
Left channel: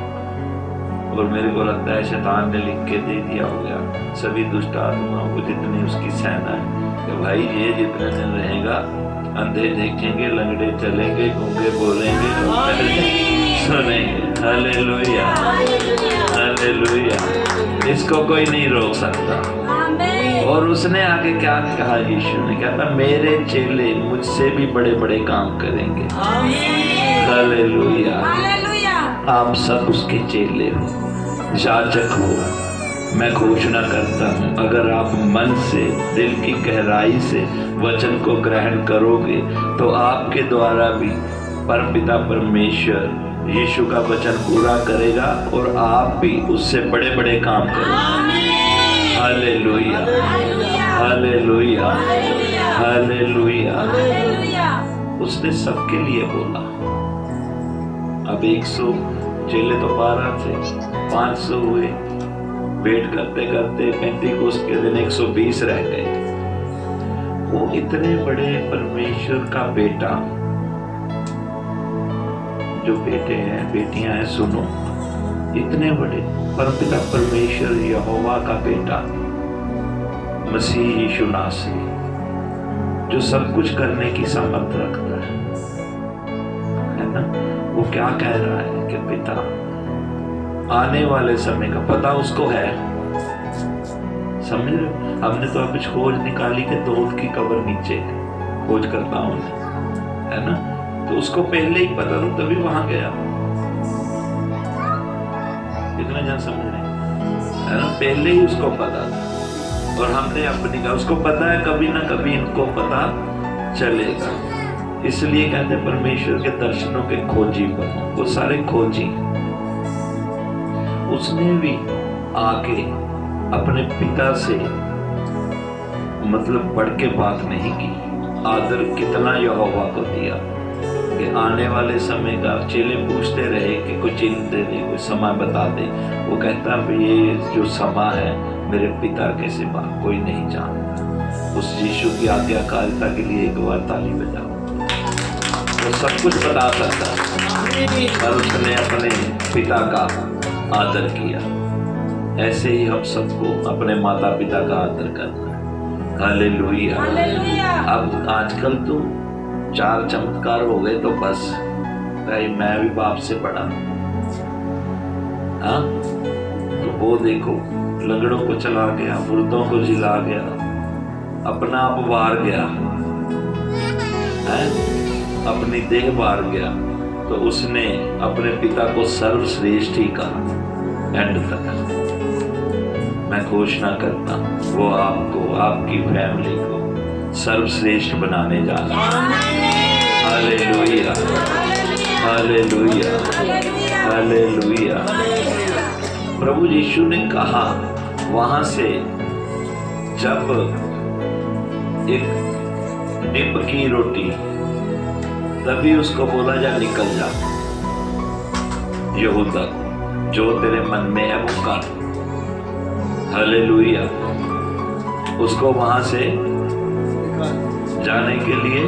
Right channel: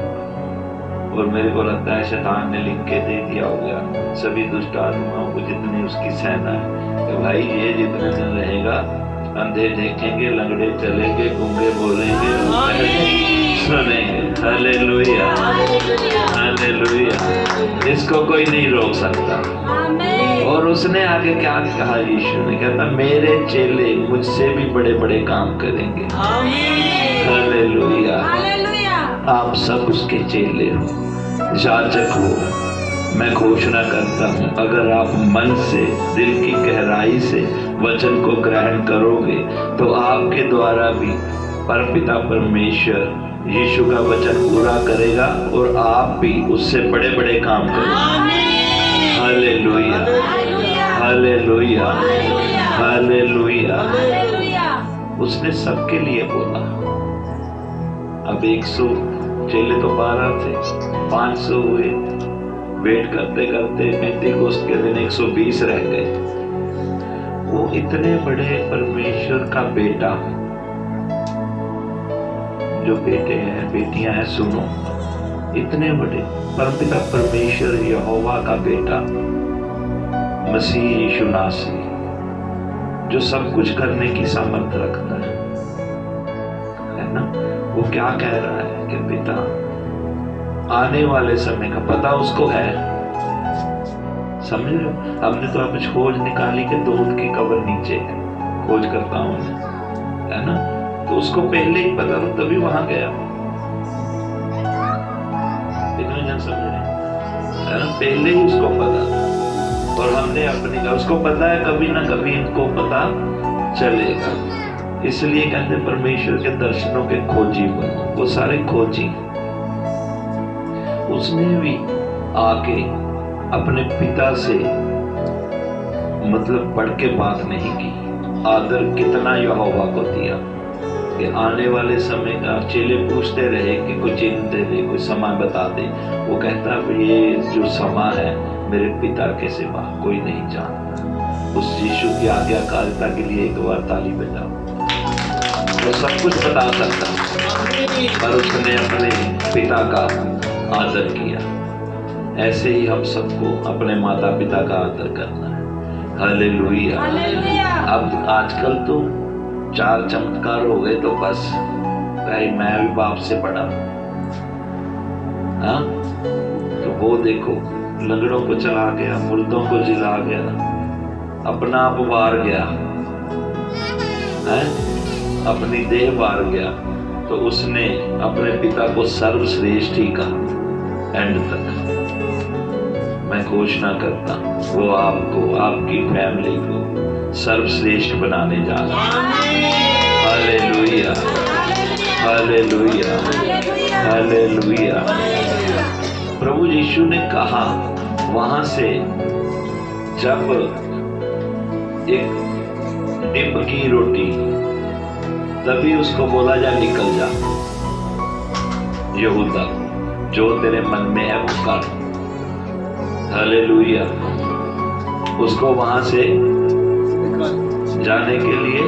और मेरे को लगता है शैतान ने लिख के दे दिया होगा सभी दुष्ट आत्माओं को, जितनी उसकी सेना है, कि भाई ये जितने दिन रहेगा, अंधे देखेंगे, लंगड़े चलेंगे, गूंगे बोलेंगे, सुनेंगे। Hallelujah, hallelujah. इसको कोई नहीं रोक सकता। और उसने आगे क्या कहा? यीशु ने कहता मेरे चेले मुझसे भी बड़े बड़े काम करेंगे। हालेलुया। आप सब उसके चेले हो, याजक हो। मैं घोषणा करता हूँ, अगर आप मन से, दिल की गहराई से वचन को ग्रहण करोगे तो आपके द्वारा भी परमपिता परमेश्वर यीशु का वचन पूरा करेगा और आप भी उससे बड़े बड़े काम करोगे। Hallelujah, hallelujah, hallelujah. उसने सबके लिए बोला। अब 100 चेले तो 12 थे, 500 हुए। वेट करते करते 35 के दिन 120 रह गए। वो इतने बड़े परमेश्वर का बेटा, जो बेटे हैं बेटियां हैं, सुनो, इतने बड़े परमपिता परमेश्वर यहोवा का बेटा मसीह यीशु नासरी, जो सब कुछ करने की सामर्थ्य रखता है, वो क्या कह रहा है कि पिता आने वाले समय का पता उसको है। समझ रहे हो? हमने तो अभी खोज निकाली कि दूध की कबर नीचे है, खोज करता हूं है ना, तो उसको पहले ही पता था तभी वहां गया। इतना जन समझ रहे है ना, पहले ही उसको पता था। और हमने अपनी का उसको पता है कभी ना कभी इनको पता चलेगा। इसलिए कहते हैं परमेश्वर के दर्शनों के खोजी बनो। वो सारे खोजी, उसने भी आके अपने पिता से मतलब बढ़ के बात नहीं की। आदर कितना यहोवा को दिया कि आने वाले समय का चेले पूछते रहे कि कोई चिन्ह दे दे, कोई समय बता दे। वो कहता है ये जो समय है मेरे पिता के सिवा कोई नहीं जानता। उस यीशु की आज्ञाकारिता के लिए एक बार ताली बजाओ। वो सब कुछ बता सकता है, पर उसने अपने पिता का आदर किया। ऐसे ही हम सबको अपने माता पिता का आदर करना है। हालेलुया। हालेलुया। अब आजकल तो 4 चमत्कार हो गए तो बस भाई मैं भी बाप से पढ़ा। हाँ, तो वो देखो लंगड़ों को चला गया, मुर्दों को जिला गया, अपना आप वार गया है, अपनी देह वार गया। तो उसने अपने पिता को सर्वश्रेष्ठ ही कहा। एंड तक मैं घोषणा करता वो आपको, आपकी फैमिली को सर्वश्रेष्ठ बनाने जा रहा है। Hallelujah, hallelujah, hallelujah. प्रभु यीशु ने कहा वहां से, जब एक डिब की रोटी, तभी उसको बोला जा निकल जा यहूदा, जो तेरे मन में है वो कर। हालेलुया। उसको वहां से जाने के लिए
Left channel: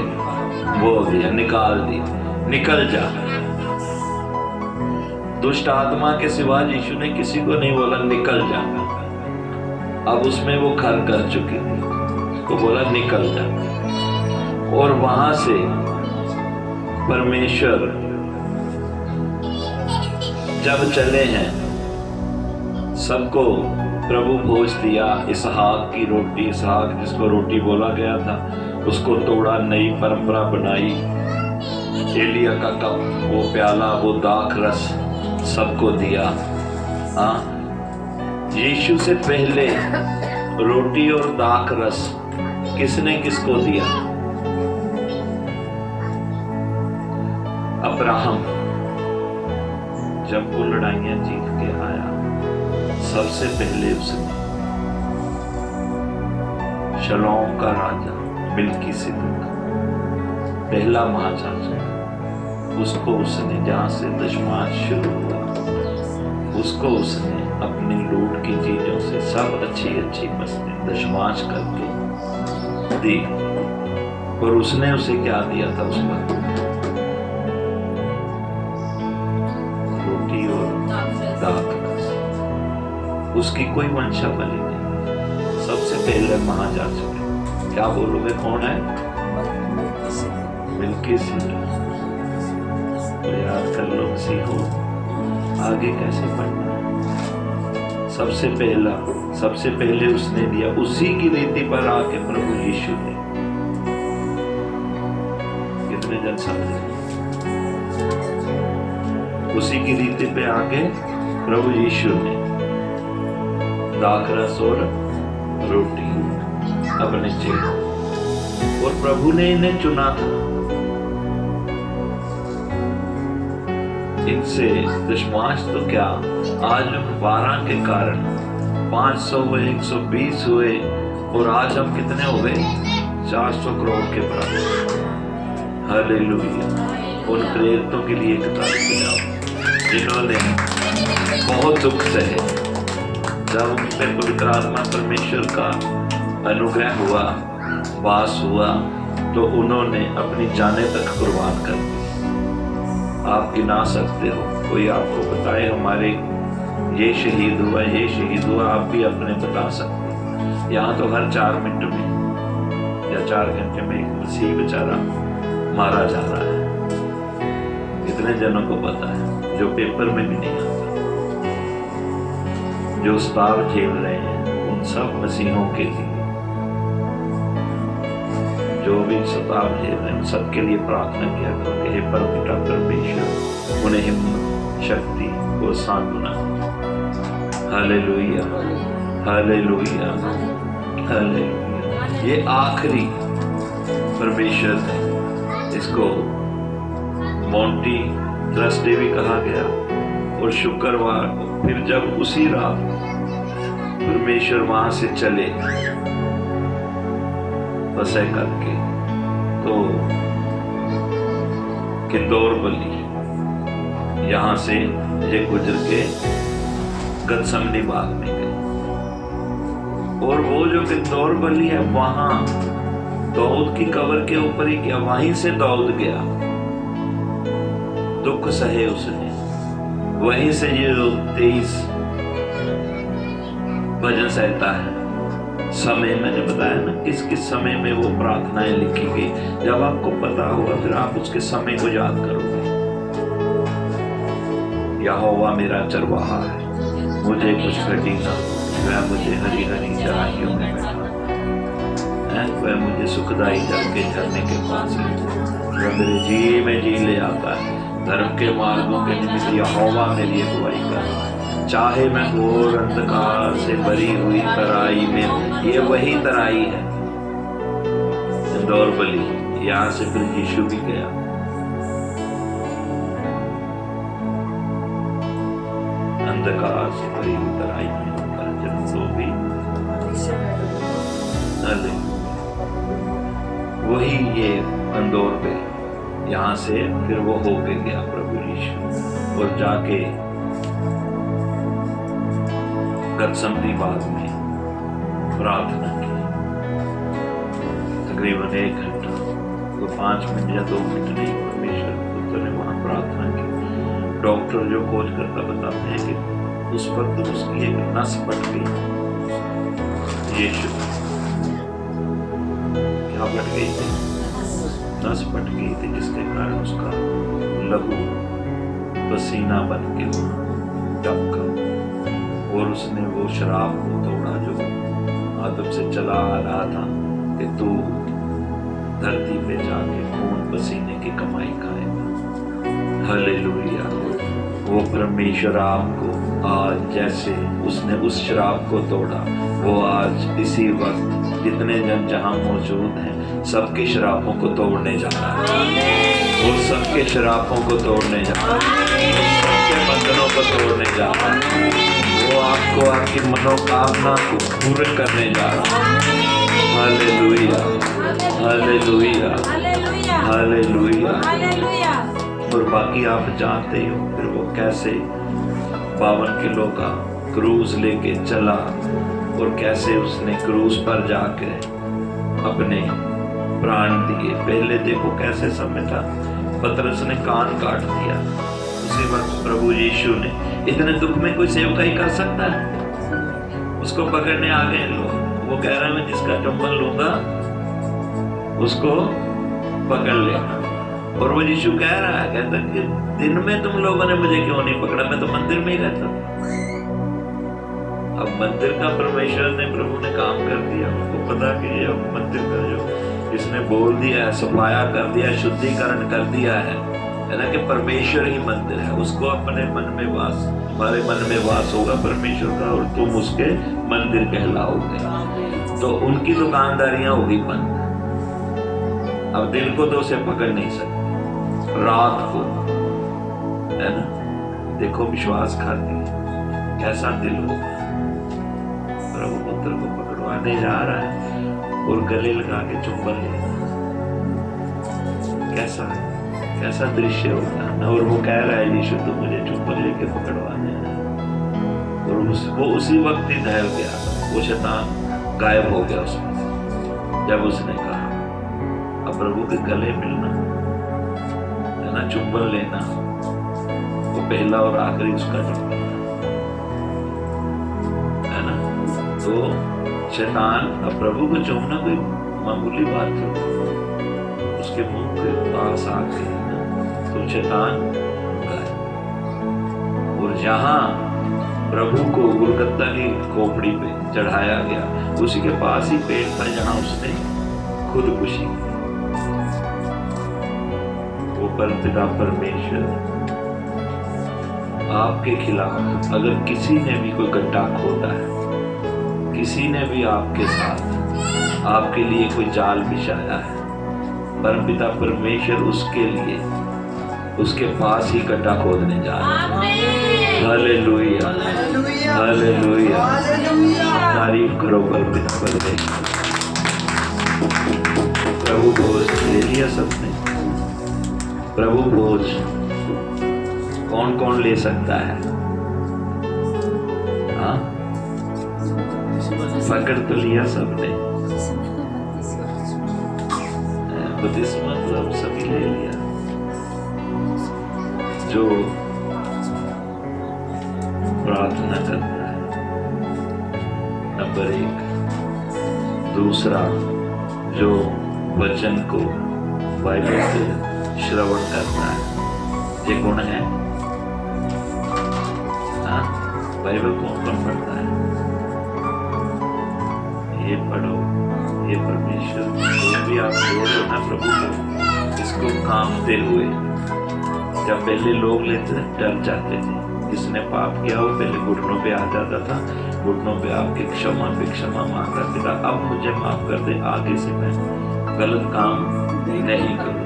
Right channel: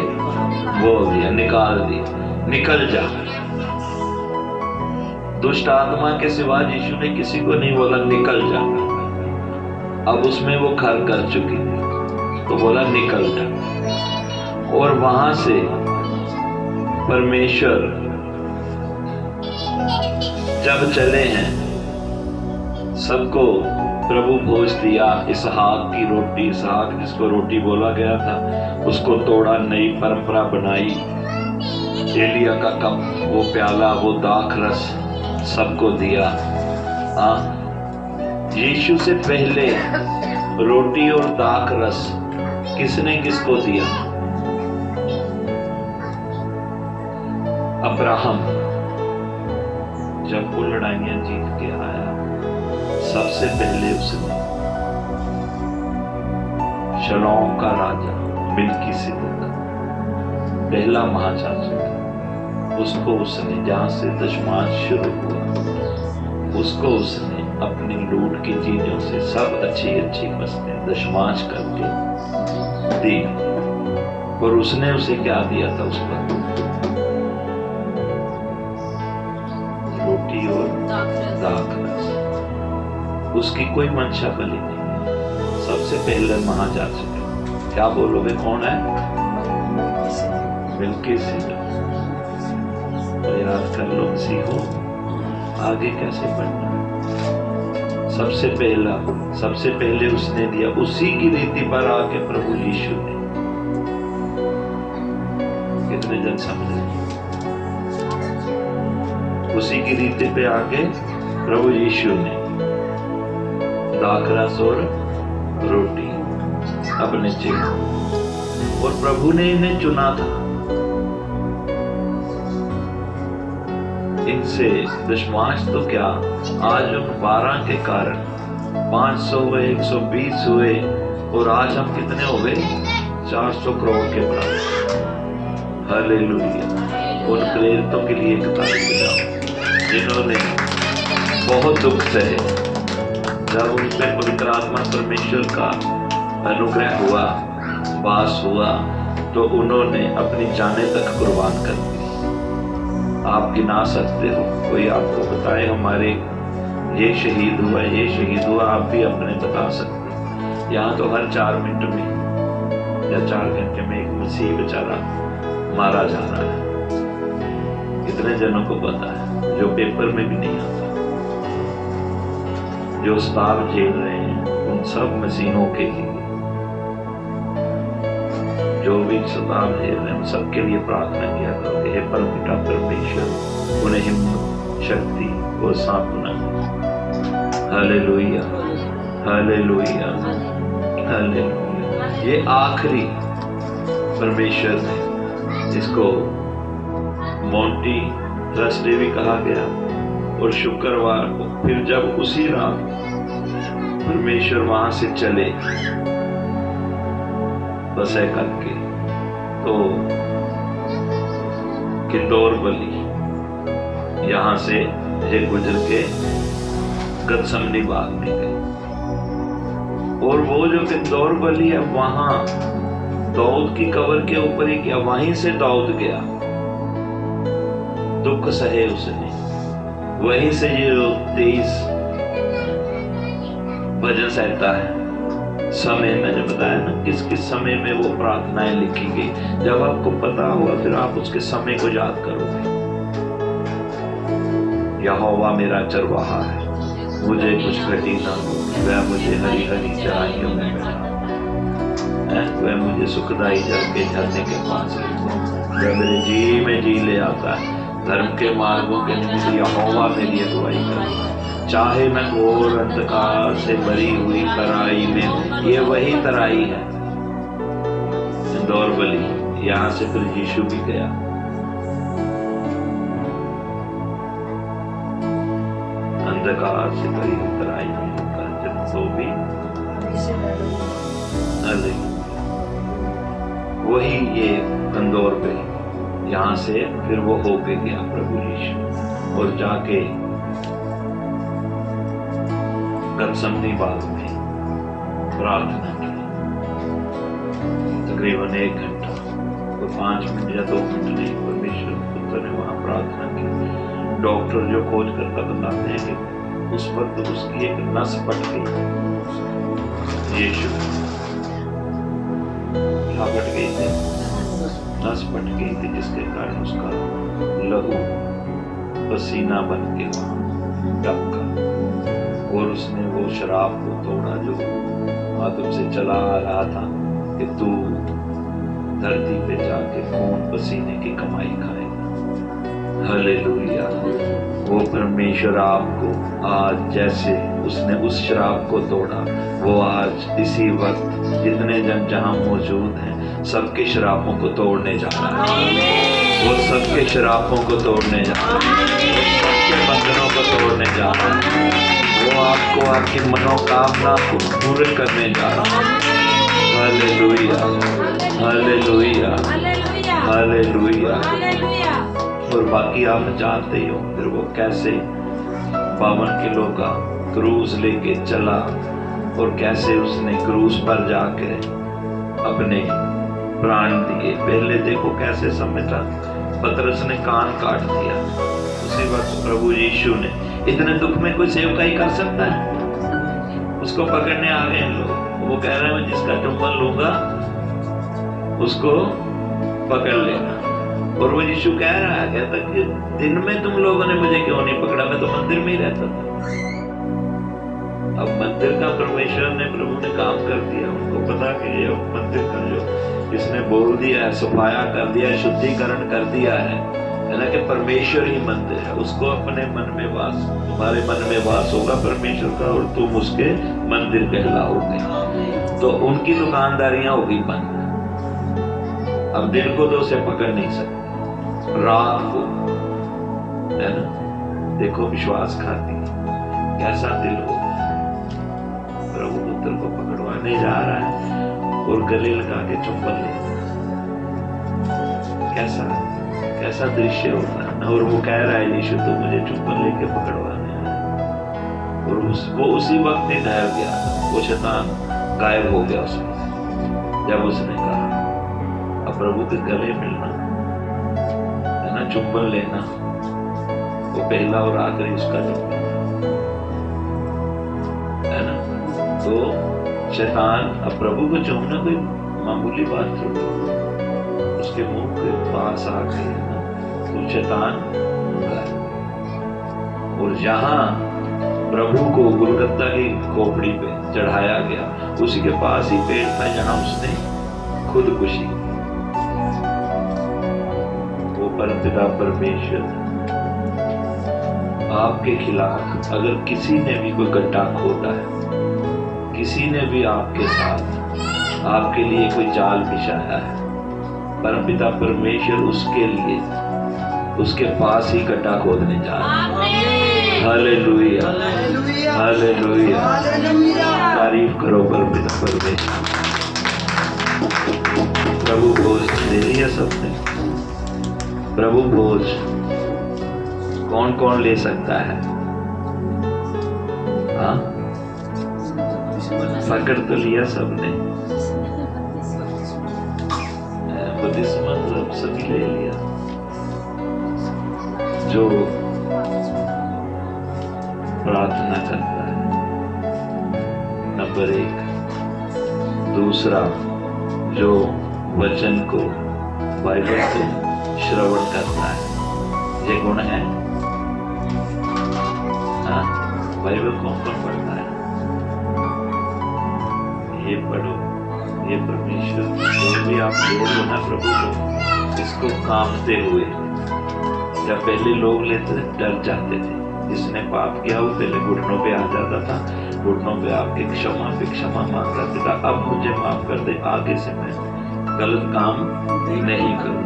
बोल दिया, निकाल दिया, निकल जा। दुष्ट आत्मा के सिवा यीशु ने किसी को नहीं बोला निकल जा। अब उसमें वो घर कर चुकी थी तो बोला निकल जा। और वहां से परमेश्वर जब चले हैं, सबको प्रभु भोज दिया। इसहाक की रोटी, इसहाक जिसको रोटी बोला गया था, उसको तोड़ा, नई परंपरा बनाई। एलिया का कप, वो प्याला, वो दाख रस सबको दिया। हाँ, यीशु से पहले रोटी और दाख रस किसने किसको दिया? अब्राहम जब वो लड़ाइयां जीत के आया, सबसे पहले उसने शलोम का राजा मिल्कीसेदेक, पहला महायाजक, उसको उसने, जहां से दशमांश शुरू हुआ, उसको उसने अपनी लूट की चीजों से सब अच्छी अच्छी वस्तुएं दशमांश करके दी। और उसने उसे क्या दिया था? उसका रोटी और दाख। उसकी कोई मंशा बलि नहीं। सबसे पहले महायाजक, क्या बोलोगे कौन है? मिल्कीसेदेक। याद कर लो, सीखो आगे कैसे पढ़ना। सबसे पहले उसने दिया। उसी की रीति पर आके प्रभु यीशु ने, कितने जन समझे? उसी की रीति पे आके प्रभु यीशु ने दाखरस और रोटी अपने चिन्ह, और प्रभु ने इन्हें चुना था। इनसे दशमांश तो क्या, आज उन 12 के कारण 500 हुए, 120 हुए, और आज हम कितने हो गए? 400 करोड़ के बराबर। हालेलुया। उन प्रेरितों के लिए एक ताली बजाओ जिन्होंने बहुत दुख सहे। जब उन पर पवित्र आत्मा परमेश्वर का अनुग्रह हुआ, वास हुआ, तो उन्होंने अपनी जाने तक कुर्बान कर दी। आप गिना सकते हो, कोई आपको बताए हमारे ये शहीद हुआ, ये शहीद हुआ, आप भी अपने बता सकते हो। यहाँ तो हर 4 मिनट में या 4 घंटे में एक मसीह बेचारा मारा जा रहा है। कितने जनों को पता है, जो पेपर में भी नहीं आता, जो स्टार झेल रहे हैं उन सब मसीहों के लिए, जो भी स्टार झेल रहे हैं सबके लिए प्रार्थना किया करते हैं। परमपिता परमेश्वर उन्हें हिम्मत, शक्ति और सांत्वना। Hallelujah, hallelujah, hallelujah. ये आखिरी परमेश्वर है, इसको मोंटी थर्सडे भी कहा गया। और शुक्रवार को फिर जब उसी रात परमेश्वर वहां से चले फसह करके, तो किंदौर बलि यहां से ये गुजर के गतसमनी बाग में गए। और वो जो किंदौर बलि है वहां दाऊद की कब्र के ऊपर ही गया, वहीं से दाऊद गया, दुख सहे उसने, वहीं से ये 23 भजन सहता है। समय मैंने बताया ना किस किस समय में वो प्रार्थनाएं लिखी गई। जब आपको पता होगा फिर आप उसके समय को याद करोगे। यहोवा मेरा चरवाहा है, मुझे कुछ घटी न हो, वह मुझे हरी हरी चराइयों में है, वह मुझे सुखदाई जल के झरने के पास ले, वह मेरे जी में जी ले आता है। धर्म के मार्गों के निमित्त यहोवा मेरी अगुवाई करे। चाहे मैं घोर अंधकार से भरी हुई तराई में, ये वही तराई है इंदौर बलि, यहाँ से फिर यीशु भी गया। अंधकार से भरी हुई तराई में तो भी वही ये इंदौर बलि, यहाँ से फिर वो होके गया प्रभु यीशु, और जाके गतसमनी बाग में प्रार्थना की। तकरीबन 1 घंटा, तो 5 मिनट या 2 मिनट नहीं, परमेश्वर पुत्र ने वहां प्रार्थना की। डॉक्टर जो खोज करता बताते हैं कि उस वक्त उसकी एक नस फट गई। यीशु क्या फट गई थी? नस फट गई थी, जिसके कारण उसका लहू पसीना बन के टपका, और उसने वो शराब को तोड़ा जो आदम से चला आ रहा था कि तू धरती पे जाके खून पसीने की कमाई खाएगा। हालेलुया। वो परमेश्वर आपको आज जैसे उसने उस शराब को तोड़ा, वो आज इसी वक्त जितने जन जहां मौजूद हैं सबके शराबों को तोड़ने जा रहा है। वो सबके शराबों को तोड़ने जा रहा है, वो सबके बंधनों को तोड़ने जा रहा है। वो आपको आपकी मनोकामना को पूर्ण करने जा रहा है। Hallelujah, hallelujah, hallelujah. और बाकी आप जानते हो फिर वो कैसे 52 किलो का क्रूज लेके चला, और कैसे उसने क्रूज पर जाके अपने प्राण दिए। पहले देखो कैसे समय था, पतरस ने कान काट दिया, उसी वक्त प्रभु यीशु ने, इतने दुख में कोई सेवकाई कर सकता है? उसको पकड़ने आ गए लोग, वो कह रहे हैं मैं जिसका चुंबन लूंगा उसको पकड़ लेना। और वो यीशु कह रहा है, कहता कि दिन में तुम लोगों ने मुझे क्यों नहीं पकड़ा, मैं तो मंदिर में ही रहता था। अब मंदिर का परमेश्वर ने, प्रभु ने काम कर दिया, उनको पता कि ये मंदिर का जो इसने बोल दिया है, सफाया कर दिया, शुद्धिकरण कर दिया है ना, कि परमेश्वर ही मंदिर है। उसको अपने मन में वास, तुम्हारे मन में वास होगा परमेश्वर का, और तुम उसके मंदिर कहलाओगे। तो उनकी दुकानदारियां होगी बंद। अब दिन को तो उसे पकड़ नहीं सकते, रात को, है ना। देखो विश्वास खाती कैसा दिल होगा, प्रभु पुत्र को पकड़वाने जा रहा है और गले लगा के चुंबन लेता है। कैसा दृश्य होता है ना। और वो कह रहा है यीशु तो मुझे चुंबन लेके पकड़वाने हैं, और वो उसी वक्त ही ठहर गया। वो शैतान गायब हो गया उसमें, जब उसने कहा अब प्रभु के गले मिलना है ना, चुंबन लेना, वो पहला और आखिरी उसका चुंबन है ना। तो शैतान अब प्रभु को चूमना कोई मामूली बात थोड़ी, उसके मुंह के पास आके तो शैतान और जहाँ प्रभु को गुलगत्ता की खोपड़ी पे चढ़ाया गया, उसी के पास ही पेड़ था जहाँ उसने खुदकुशी। वो परमपिता परमेश्वर आपके खिलाफ अगर किसी ने भी कोई गड्ढा खोदा है, किसी ने भी आपके साथ आपके लिए कोई जाल बिछाया है, परमपिता परमेश्वर उसके लिए उसके पास ही गड्ढा खोदने जा रहे हैं। Hallelujah, hallelujah, hallelujah. हालेलुया। तारीफ करो परमपिता परमेश्वर। प्रभु भोज दे दिया सबने। प्रभु भोज कौन कौन ले सकता है? हाँ, पकड़ तो लिया सबने। बपतिस्मा तो अब सभी ले लिया। जो प्रार्थना करता है, नंबर 1। दूसरा, जो वचन को बाइबल से श्रवण करता है, ये गुण है। हाँ, बाइबल कौन कौन पढ़ता है? ये पढ़ो, ये परमेश्वर जो भी आप लोग ना प्रभु को, इसको कांपते हुए। जब पहले लोग लेते डर जाते थे, जिसने पाप किया वो पहले घुटनों पे आ जाता था, घुटनों पे आके क्षमा मांगता था, अब मुझे माफ कर दे, आगे से मैं गलत काम नहीं करूँ।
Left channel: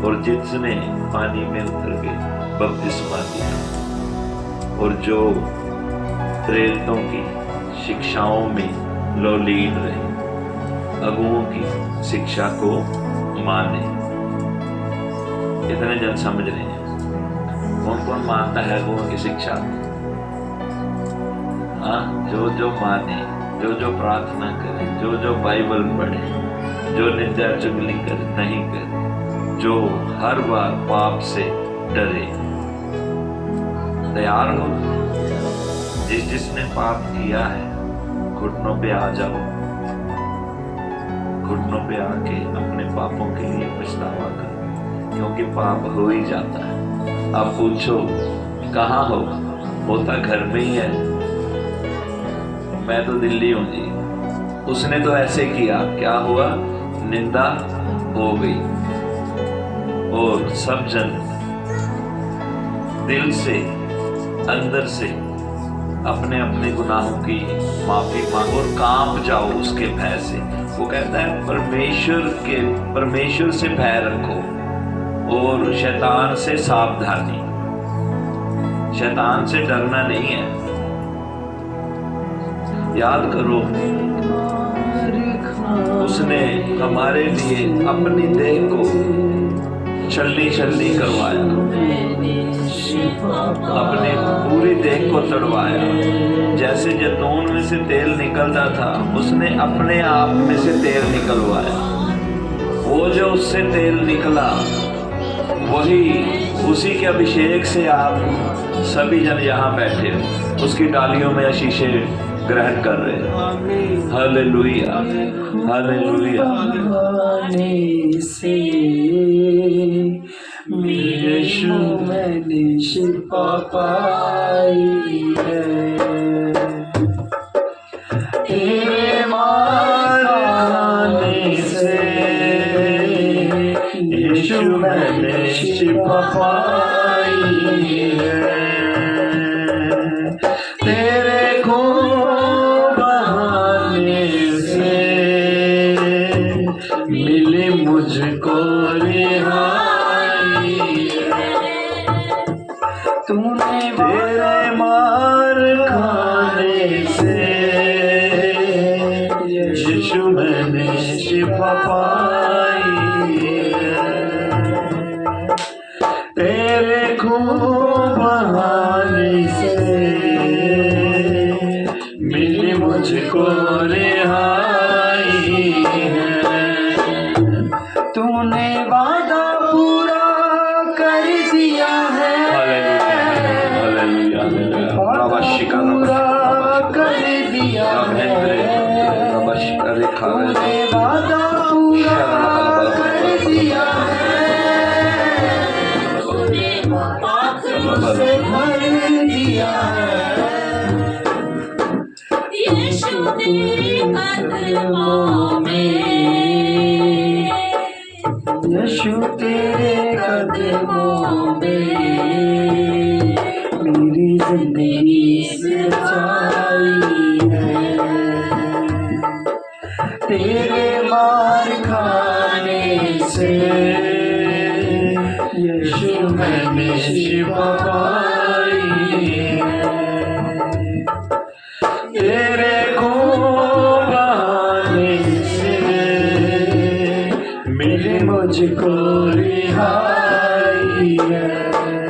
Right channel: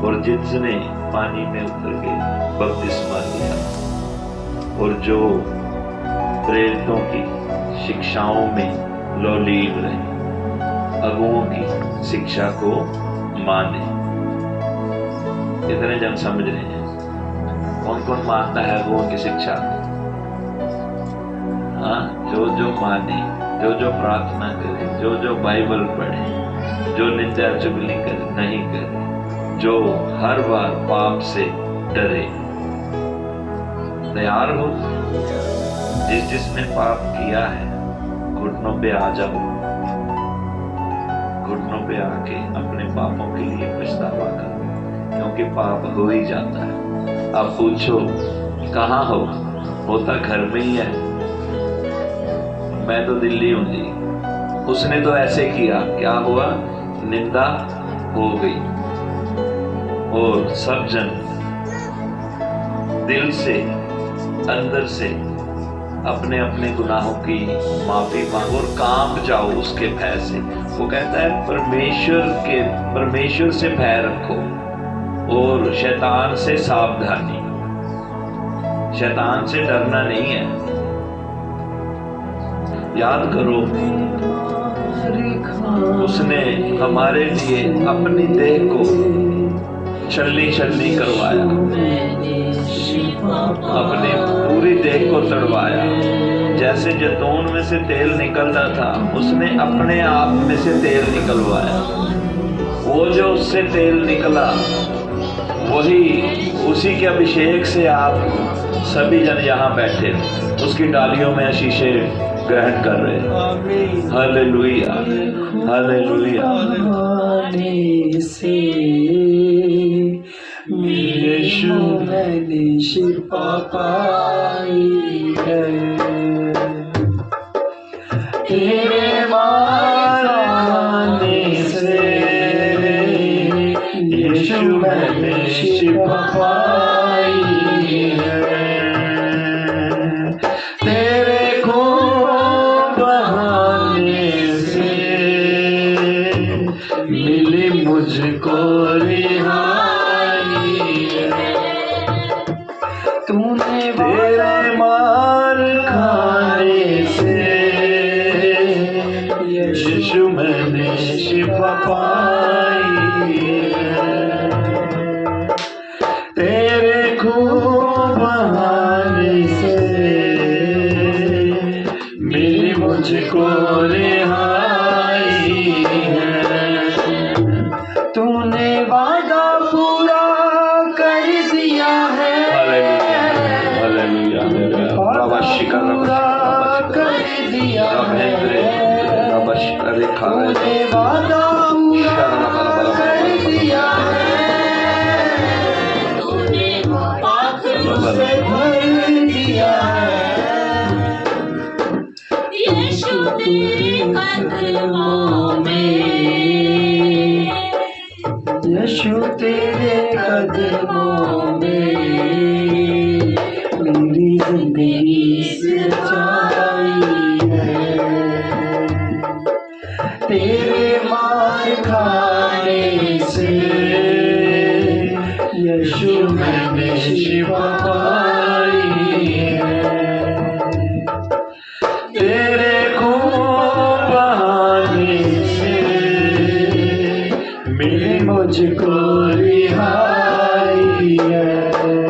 और जिसने पानी में उतर के बपतिस्मा दिया, और जो प्रेरितों की शिक्षाओं में लीड रहे, अगुओं की शिक्षा को माने। इतने जन समझ रहे हैं कौन कौन मानता है अगुओं की शिक्षा? हाँ, जो माने, जो प्रार्थना करे, जो बाइबल पढ़े, जो निंदा चुगली करे नहीं करे, जो हर बार पाप से डरे। तैयार हो? जिसने पाप किया है, घुटनों पे आ जाओ, घुटनों पे आके अपने पापों के लिए पछतावा करो, क्योंकि पाप हो ही जाता है। अब पूछो कहाँ हो? होता घर में ही है। मैं तो दिल्ली हूँ जी। उसने तो ऐसे किया, क्या हुआ? निंदा हो गई, और सब जन दिल से अंदर से अपने अपने गुनाहों की माफी मांगो और कांप जाओ उसके भय से। वो कहता है परमेश्वर से भय रखो और शैतान से सावधानी। शैतान से डरना नहीं है। याद करो, उसने हमारे लिए अपनी देह को छलनी करवाया, अपनी पूरी देह को तड़वाया। जैसे जैतून में से तेल निकलता था, उसने अपने आप में से तेल निकलवाया। वो जो उससे तेल निकला, वही उसी के अभिषेक से आप सभी जन यहाँ बैठे उसकी डालियों में आशीषें ग्रहण कर रहे हैं। Hallelujah, hallelujah. यीशु मैंने शिफा पाई है, तेरे मारने से यीशु मैंने शिफा पाई है, तेरे खून बहाने से मिली मुझको तूने तेरे मार खाने से यीशु मैंने शिफा पाई है, तेरे खून बहाने से मिली मुझको रिहाई है। तूने वादा पूरा कर दिया है, पूरा कर दिया है, तूने वादा पूरा कर दिया है, से भर यीशु तेरे कदमों में मेरी जिंदगी सच्चाई है। तेरे मार खाने से यीशु मैंने शिफा पाई है। तेरे खून बहाने से मिली मुझको रिहाई है।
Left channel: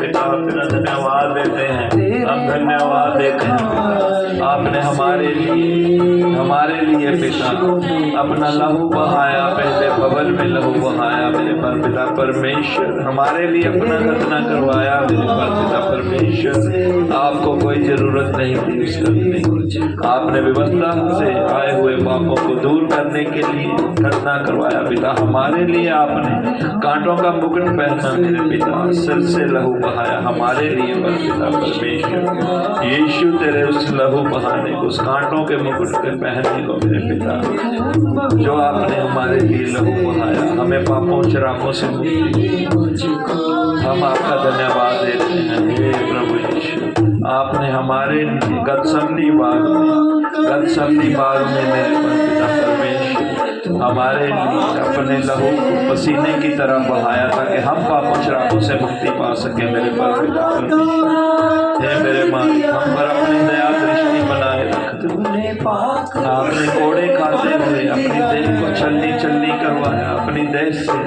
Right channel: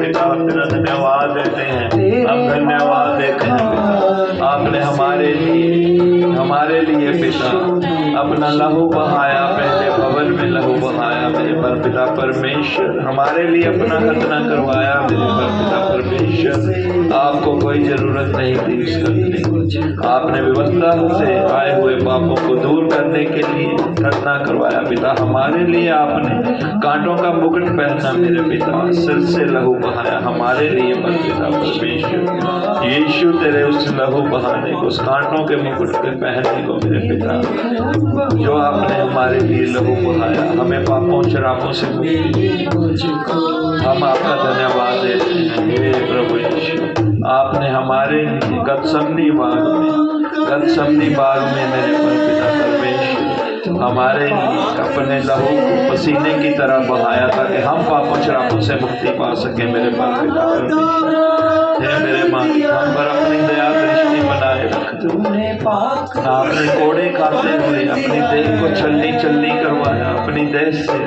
पिता तेरा धन्यवाद देते हैं, हम धन्यवाद देते हैं पिता, आपने हमारे लिए पिता अपना लहू बहाया, पहले भवन में लहू बहाया मेरे परपिता परमेश्वर, हमारे लिए अपना खतना करवाया मेरे परपिता परमेश्वर। आपको कोई जरूरत नहीं थी उस करने की, आपने व्यवस्था से आए हुए पापों को दूर करने के लिए खतना करवाया पिता, हमारे लिए आपने कांटों का मुकुट पहना मेरे पिता, सिर से लहू बहाया हमारे लिए परपिता परमेश्वर। यीशु तेरे उस लहू बहाने को, उस कांटों के मुकुट के पहनने को मेरे पिता, जो आपने हमारे लिए लहू बहाया, हमें पापों शराबों से मुक्ति दी, हम आपका धन्यवाद देते हैं हे प्रभु यीशु। आपने हमारे लिए गतसमनी बाग में मेरे परपिता परमेश्वर हमारे लिए अपने लहू को पसीने की तरह बहाया ताकि हम पापों शराबों से मुक्ति पा सके मेरे परपिता परमेश्वर। हे मेरे मालिक, हम पर अपनी दया दृष्टि बनाए रख। आपने कोड़े खाते हुए अपनी देह को छलनी करवाया अपनी देह से,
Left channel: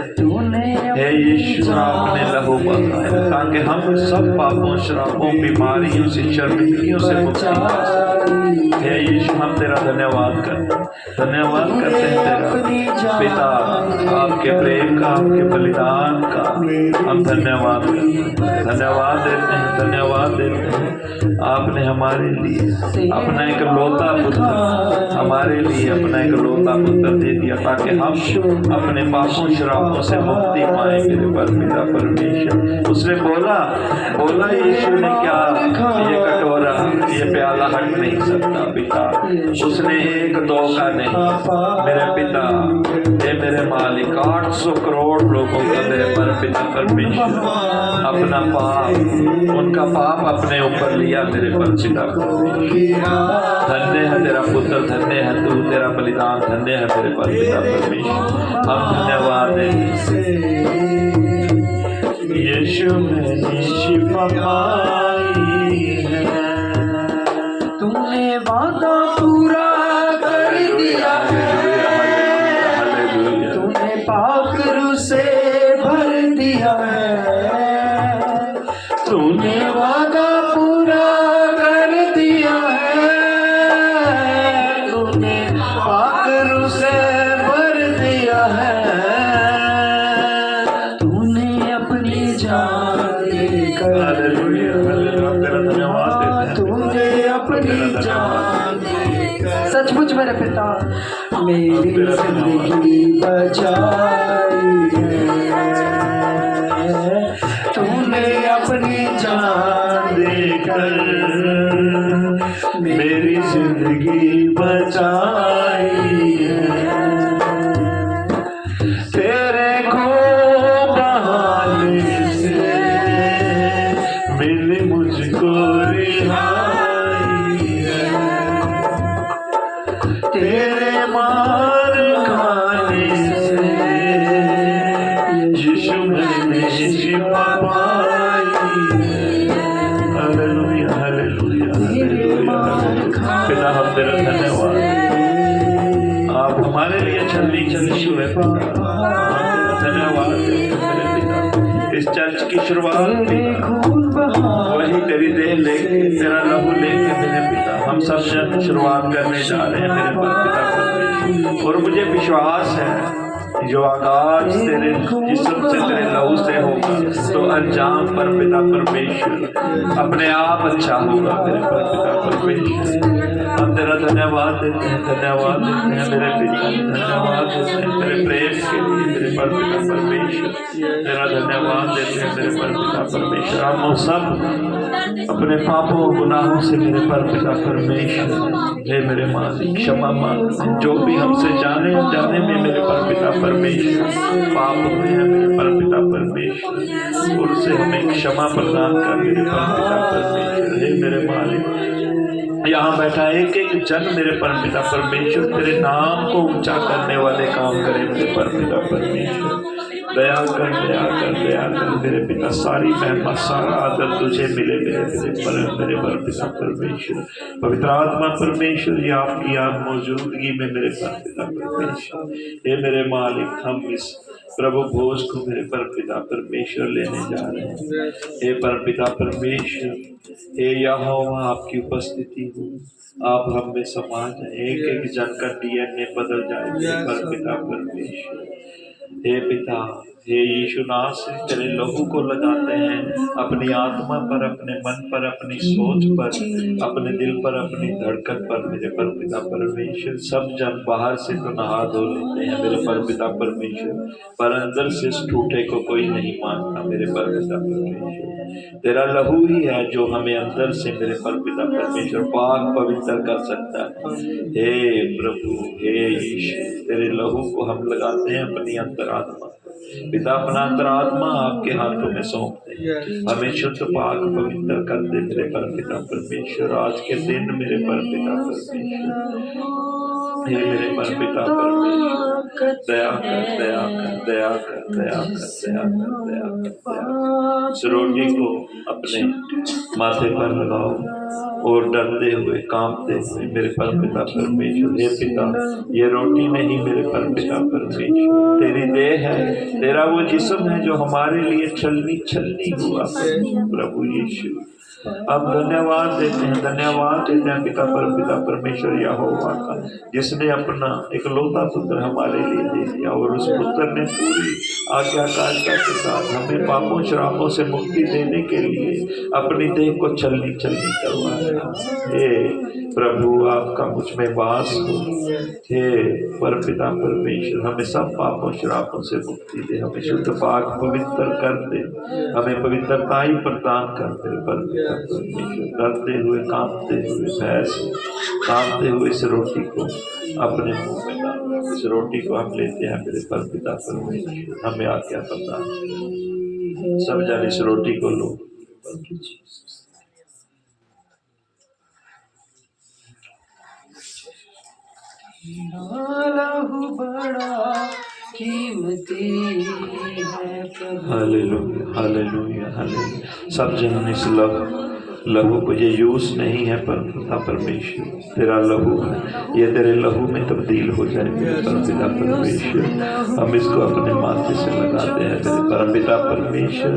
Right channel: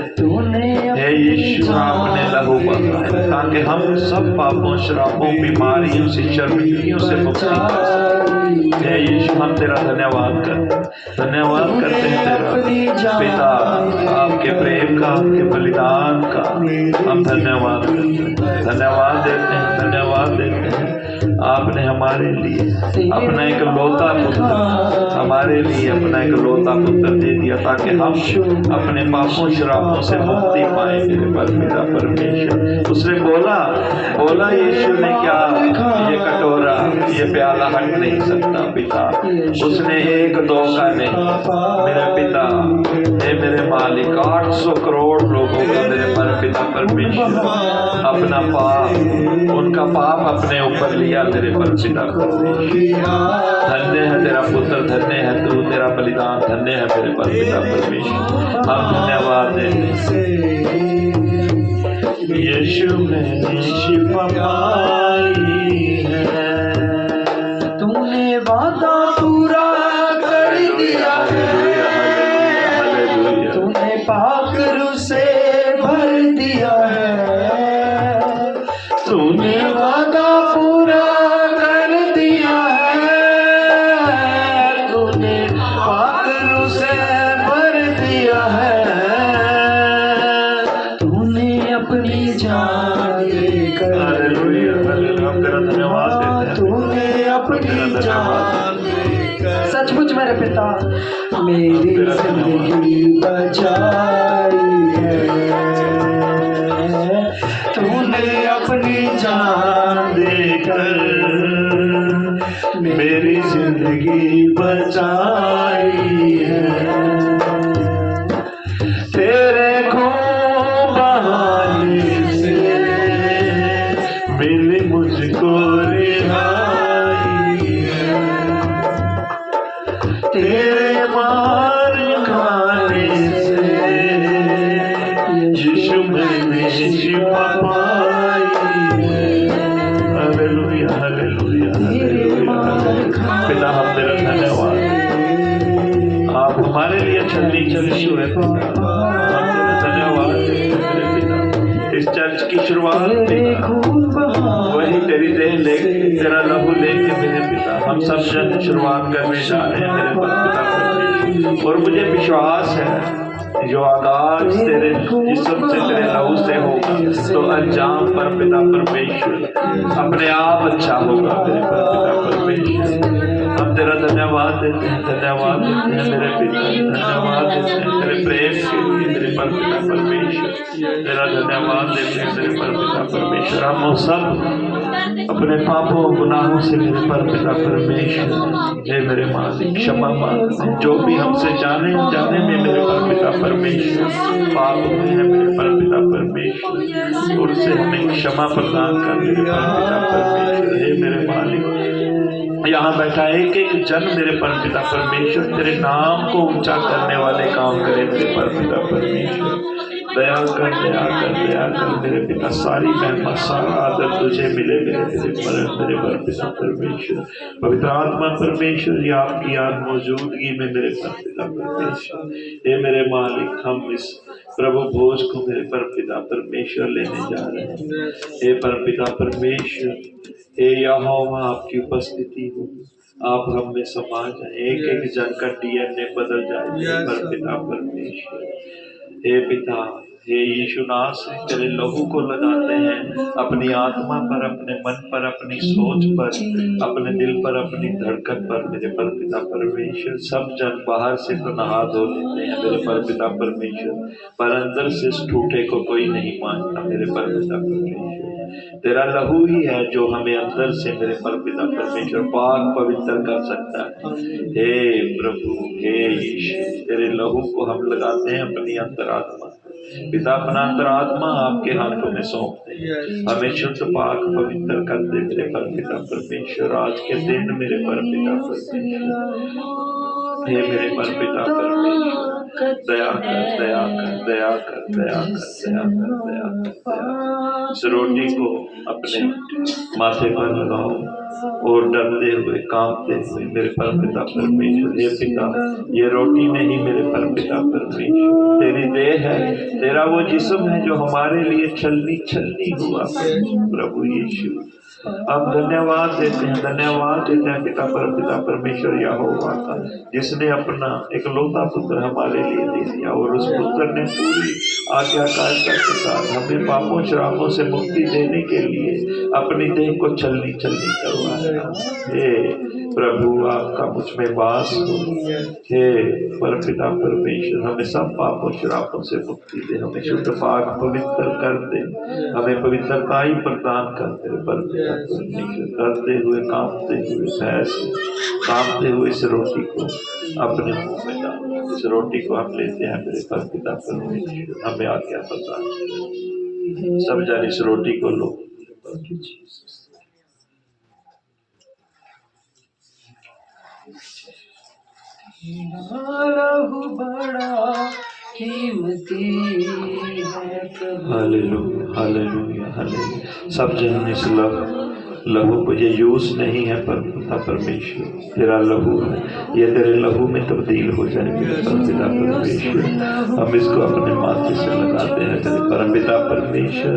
हे यीशु आपने लहू बहाया ताकि हम सब पापों शराबों बीमारियों से शर्मिंदगियों से मुक्ति पा सकें। हे यीशु हम तेरा धन्यवाद करते हैं तेरा पिता, आपके प्रेम का, आपके बलिदान का हम धन्यवाद देते हैं, धन्यवाद देते हैं। आपने हमारे लिए अपना एक लौता पुत्र, हमारे लिए अपना एक लौता पुत्र दे दिया ताकि हम अपने पापों शराबों से मुक्ति पाए मेरे परपिता परमेश्वर। उसने बोला यीशु ने क्या, ये कटोरा, ये प्याला हट नहीं सकता पिता, उसने एक दो का नहीं मेरे पिता, हे मेरे मालिक, 800 करोड़ लोगों का मेरे परपिता परमेश्वर अपना पाप, उनका पाप अपने ऊपर लिया मेरे परपिता परमेश्वर। धन्य है तेरा पुत्र, धन्य है तू, तेरा बलिदान धन्य है मेरे परपिता परमेश्वर। हम धन्यवाद यीशु मैंने शिफा पाई है। तुमने वादा पूरा कर दिया है, तूने पाक रूह से भर दिया है। तूने वादा पूरा कर दिया है, तूने पाक रूह से भर दिया है। तूने अपनी जान देकर, तूने अपनी जान देकर, सचमुच मेरे पिता मेरी जिंदगी बचाई है। तूने अपनी जान देकर मेरी जिंदगी बचाई है। तेरे खून बहाने से मिली मुझको रिहाई है। तेरे मार खाने से यीशु मैंने शिफा पाई है। Hallelujah hallelujah hallelujah. पिता हम तेरा धन्यवाद, आप हमारे लिए छलनी हुए, धन्यवाद मेरे पिता। इस चर्च की शुरुआत वही तेरी देह लेके, तेरा लहू लेके मेरे पिता, हम सब जन शुरुआत करने जा रहे हैं मेरे पिता। और मुझे विश्वास है जो आगाज तेरे जिस्म से, तेरे लहू से होगा तो अंजाम पर पिता परमेश्वर अपने आप अच्छा होगा मेरे पिता परमेश्वर। हम तेरा धन्यवाद देते हैं, धन्यवाद देते हैं मेरे पिता, धन्यवाद देते हैं तेरे प्रेम के लिए मेरे परपिता परमेश्वर। तेरा धन्यवाद देते हैं मेरे परपिता परमेश्वर। हम सब अपने पापों गुनाहों से मेरे परपिता परमेश्वर, हे मेरे मालिक क्षमा मांगते हैं, जो भी हमसे जाने अनजाने में मेरे परपिता परमेश्वर पाप हुए हैं परमेश्वर, उनसे हमें क्षमा प्रदान कर मेरे परमपिता परमेश्वर। हे मेरे मालिक, यहाँ बैठा एक एक जन मेरे परमपिता परमेश्वर तेरे नाम को ऊंचा करने वाले काम करे मेरे परमपिता परमेश्वर। दया कर, दया कर, दया कर मेरे पिता। सारी महिमा सारा आदर तुझे मिले मेरे परमपिता परमेश्वर। पवित्र आत्मा परमेश्वर, ये आपकी याद मौजूदगी में मेरे परमपिता परमेश्वर। हे मेरे मालिक, हम इस प्रभु भोज को मेरे परमपिता परमेश्वर लेने जा रहे हैं। हे परमपिता परमेश्वर, हे यहोवा, आपकी उपस्थिति हो, आप हम में समा जाए, एक एक जन का डीएनए बदल जाए मेरे परमपिता परमेश्वर। हे पिता, हे यीशु नासरी, तेरे लहू को लगाते हैं अपनी आत्मा पर, अपने मन पर, अपनी सोच पर, अपने दिल पर, अपनी धड़कन पर मेरे परमपिता परमेश्वर। सब जन बाहर से तो नहा धो लेते हैं मेरे परमपिता परमेश्वर, पर अंदर से इस ठूठे को कोई नहीं मानता मेरे परमपिता परमेश्वर। तेरा लहू ही है जो हमें अंदर से मेरे परमपिता परमेश्वर पाक पवित्र कर सकता है। हे प्रभु, हे यीशु, तेरे लहू को हम लगाते हैं अपनी अंतरात्मा। पिता, अपना अंतरात्मा आपके हाथों में सौंपते हैं। हमें शुद्ध पाक पवित्र कर दे मेरे परमपिता परमेश्वर। आज के दिन मेरे परमपिता परमेश्वर, हे मेरे परमपिता परमेश्वर, दया कर, दया कर, दया कर, दया कर, दया कर, दया कर, दया कर। इस रोटी को अपने माथे पर लगाओ और डरते हुए, कांपते हुए मेरे परमपिता परमेश्वर। हे पिता, ये रोटी नहीं मेरे परमपिता परमेश्वर, तेरी देह है, तेरा वो जिस्म है जो हमारे लिए छलनी छलनी हुआ प्रभु यीशु। अब धन्यवाद देते हैं, धन्यवाद देते हैं पिता परमपिता परमेश्वर यहोवा का, जिसने अपना इकलौता पुत्र हमारे लिए दे दिया, और उस पुत्र ने पूरी आज्ञाकारिता के साथ हमें पापों श्रापों से मुक्ति देने के लिए अपनी देह को छलनी छलनी करवाया। हे प्रभु, आपका मुझ में वास हो। हे परमपिता परमेश्वर, हमें सब पापों श्रापों से मुक्ति दे, हमें शुद्ध पाक पवित्र कर दे, हमें पवित्रता ही प्रदान कर मेरे परमपिता परमेश्वर। डरते हुए, कांपते हुए, भय से कांपते हुए इस रोटी को अपने मुंह में डालो। इस रोटी को हम लेते हैं मेरे परमपिता परमेश्वर, हमें आज्ञा प्रदान। सब जन इस रोटी को लो। लहू बड़ा कीमती है प्रभु। Hallelujah, hallelujah, hallelujah. सब जन इस लहू को, ये यूज नहीं है परमपिता परमेश्वर, तेरा लहू है, ये तेरे लहू में तब्दील हो जाए मेरे परमपिता परमेश्वर। हम इसको अपने माथे से लगाते हैं तेरे परमपिता परमेश्वर,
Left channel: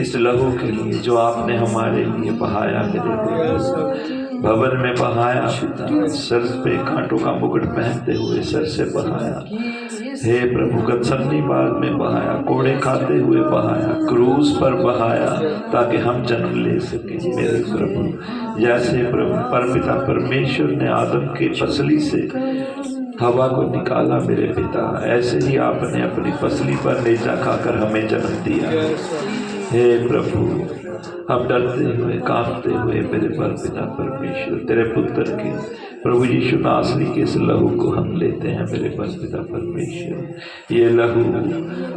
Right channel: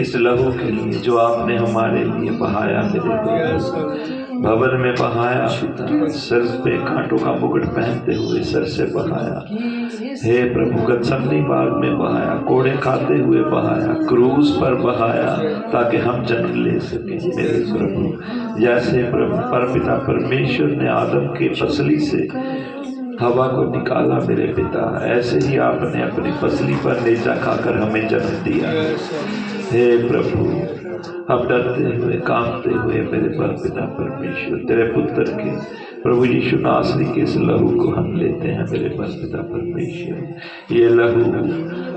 इस लहू के लिए जो आपने हमारे लिए बहाया मेरे भवन में बहाया, सर पे कांटों का मुकुट पहनते हुए सर से बहाया। हे प्रभु, गत्समनी बाग में बहाया, कोड़े खाते हुए बहाया, क्रूस पर बहाया, ताकि हम जन्म ले सकें मेरे प्रभु। जैसे प्रभु परमपिता परमेश्वर ने आदम के पसली से हवा को निकाला मेरे पिता, ऐसे ही आपने अपनी पसली पर नेजा खाकर हमें जन्म दिया। हे प्रभु, हम डरते हुए, कांपते हुए मेरे परमपिता परमेश्वर तेरे पुत्र के प्रभु यीशु नासरी के इस लहू को हम लेते हैं मेरे परमपिता परमेश्वर। ये लहू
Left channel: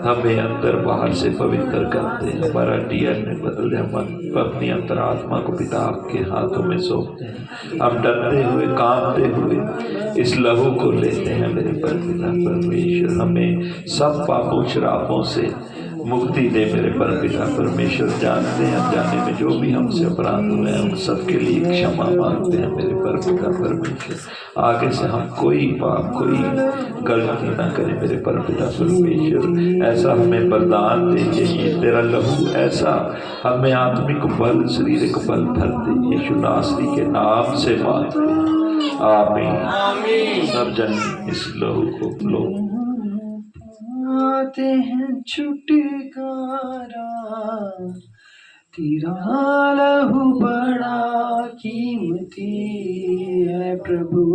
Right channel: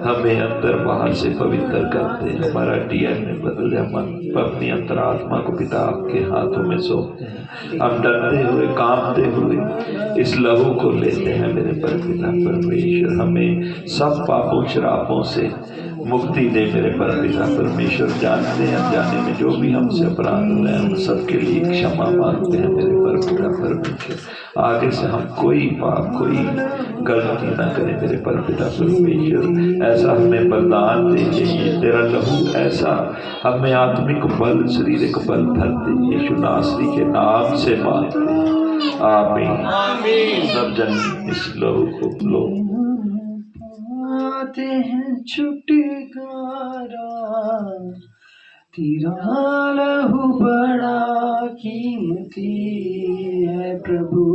हमें अंदर बाहर से पवित्र करते हैं, हमारा डीएनए बदल दे, हम अपनी अंतरात्मा को पिता आपके हाथों में सौंपते हैं। हम डरते हुए, कांपते हुए इस लहू को लेते हैं मेरे परमपिता परमेश्वर। हमें सब पापों श्रापों से मुक्ति दे मेरे परमपिता परमेश्वर। जानते हैं अनजाने में जो भी हमसे अपराध हुए हैं, उन सबके लिए क्षमा मांगते हैं मेरे परमपिता परमेश्वर। आगे से हम कोई पाप, कोई गलती ना करें मेरे परमपिता परमेश्वर। ऐसा हमें बरदान दे, ये तेरा लहू ऐसा हमें आत्मिक बल, शारीरिक बल भर दे, यीशु नासरी के नाम से मांगते हैं, आमीन। सब जन इस लहू को लो। आते हैं छुटकारा, तेरा लहू बड़ा कीमती है प्रभु।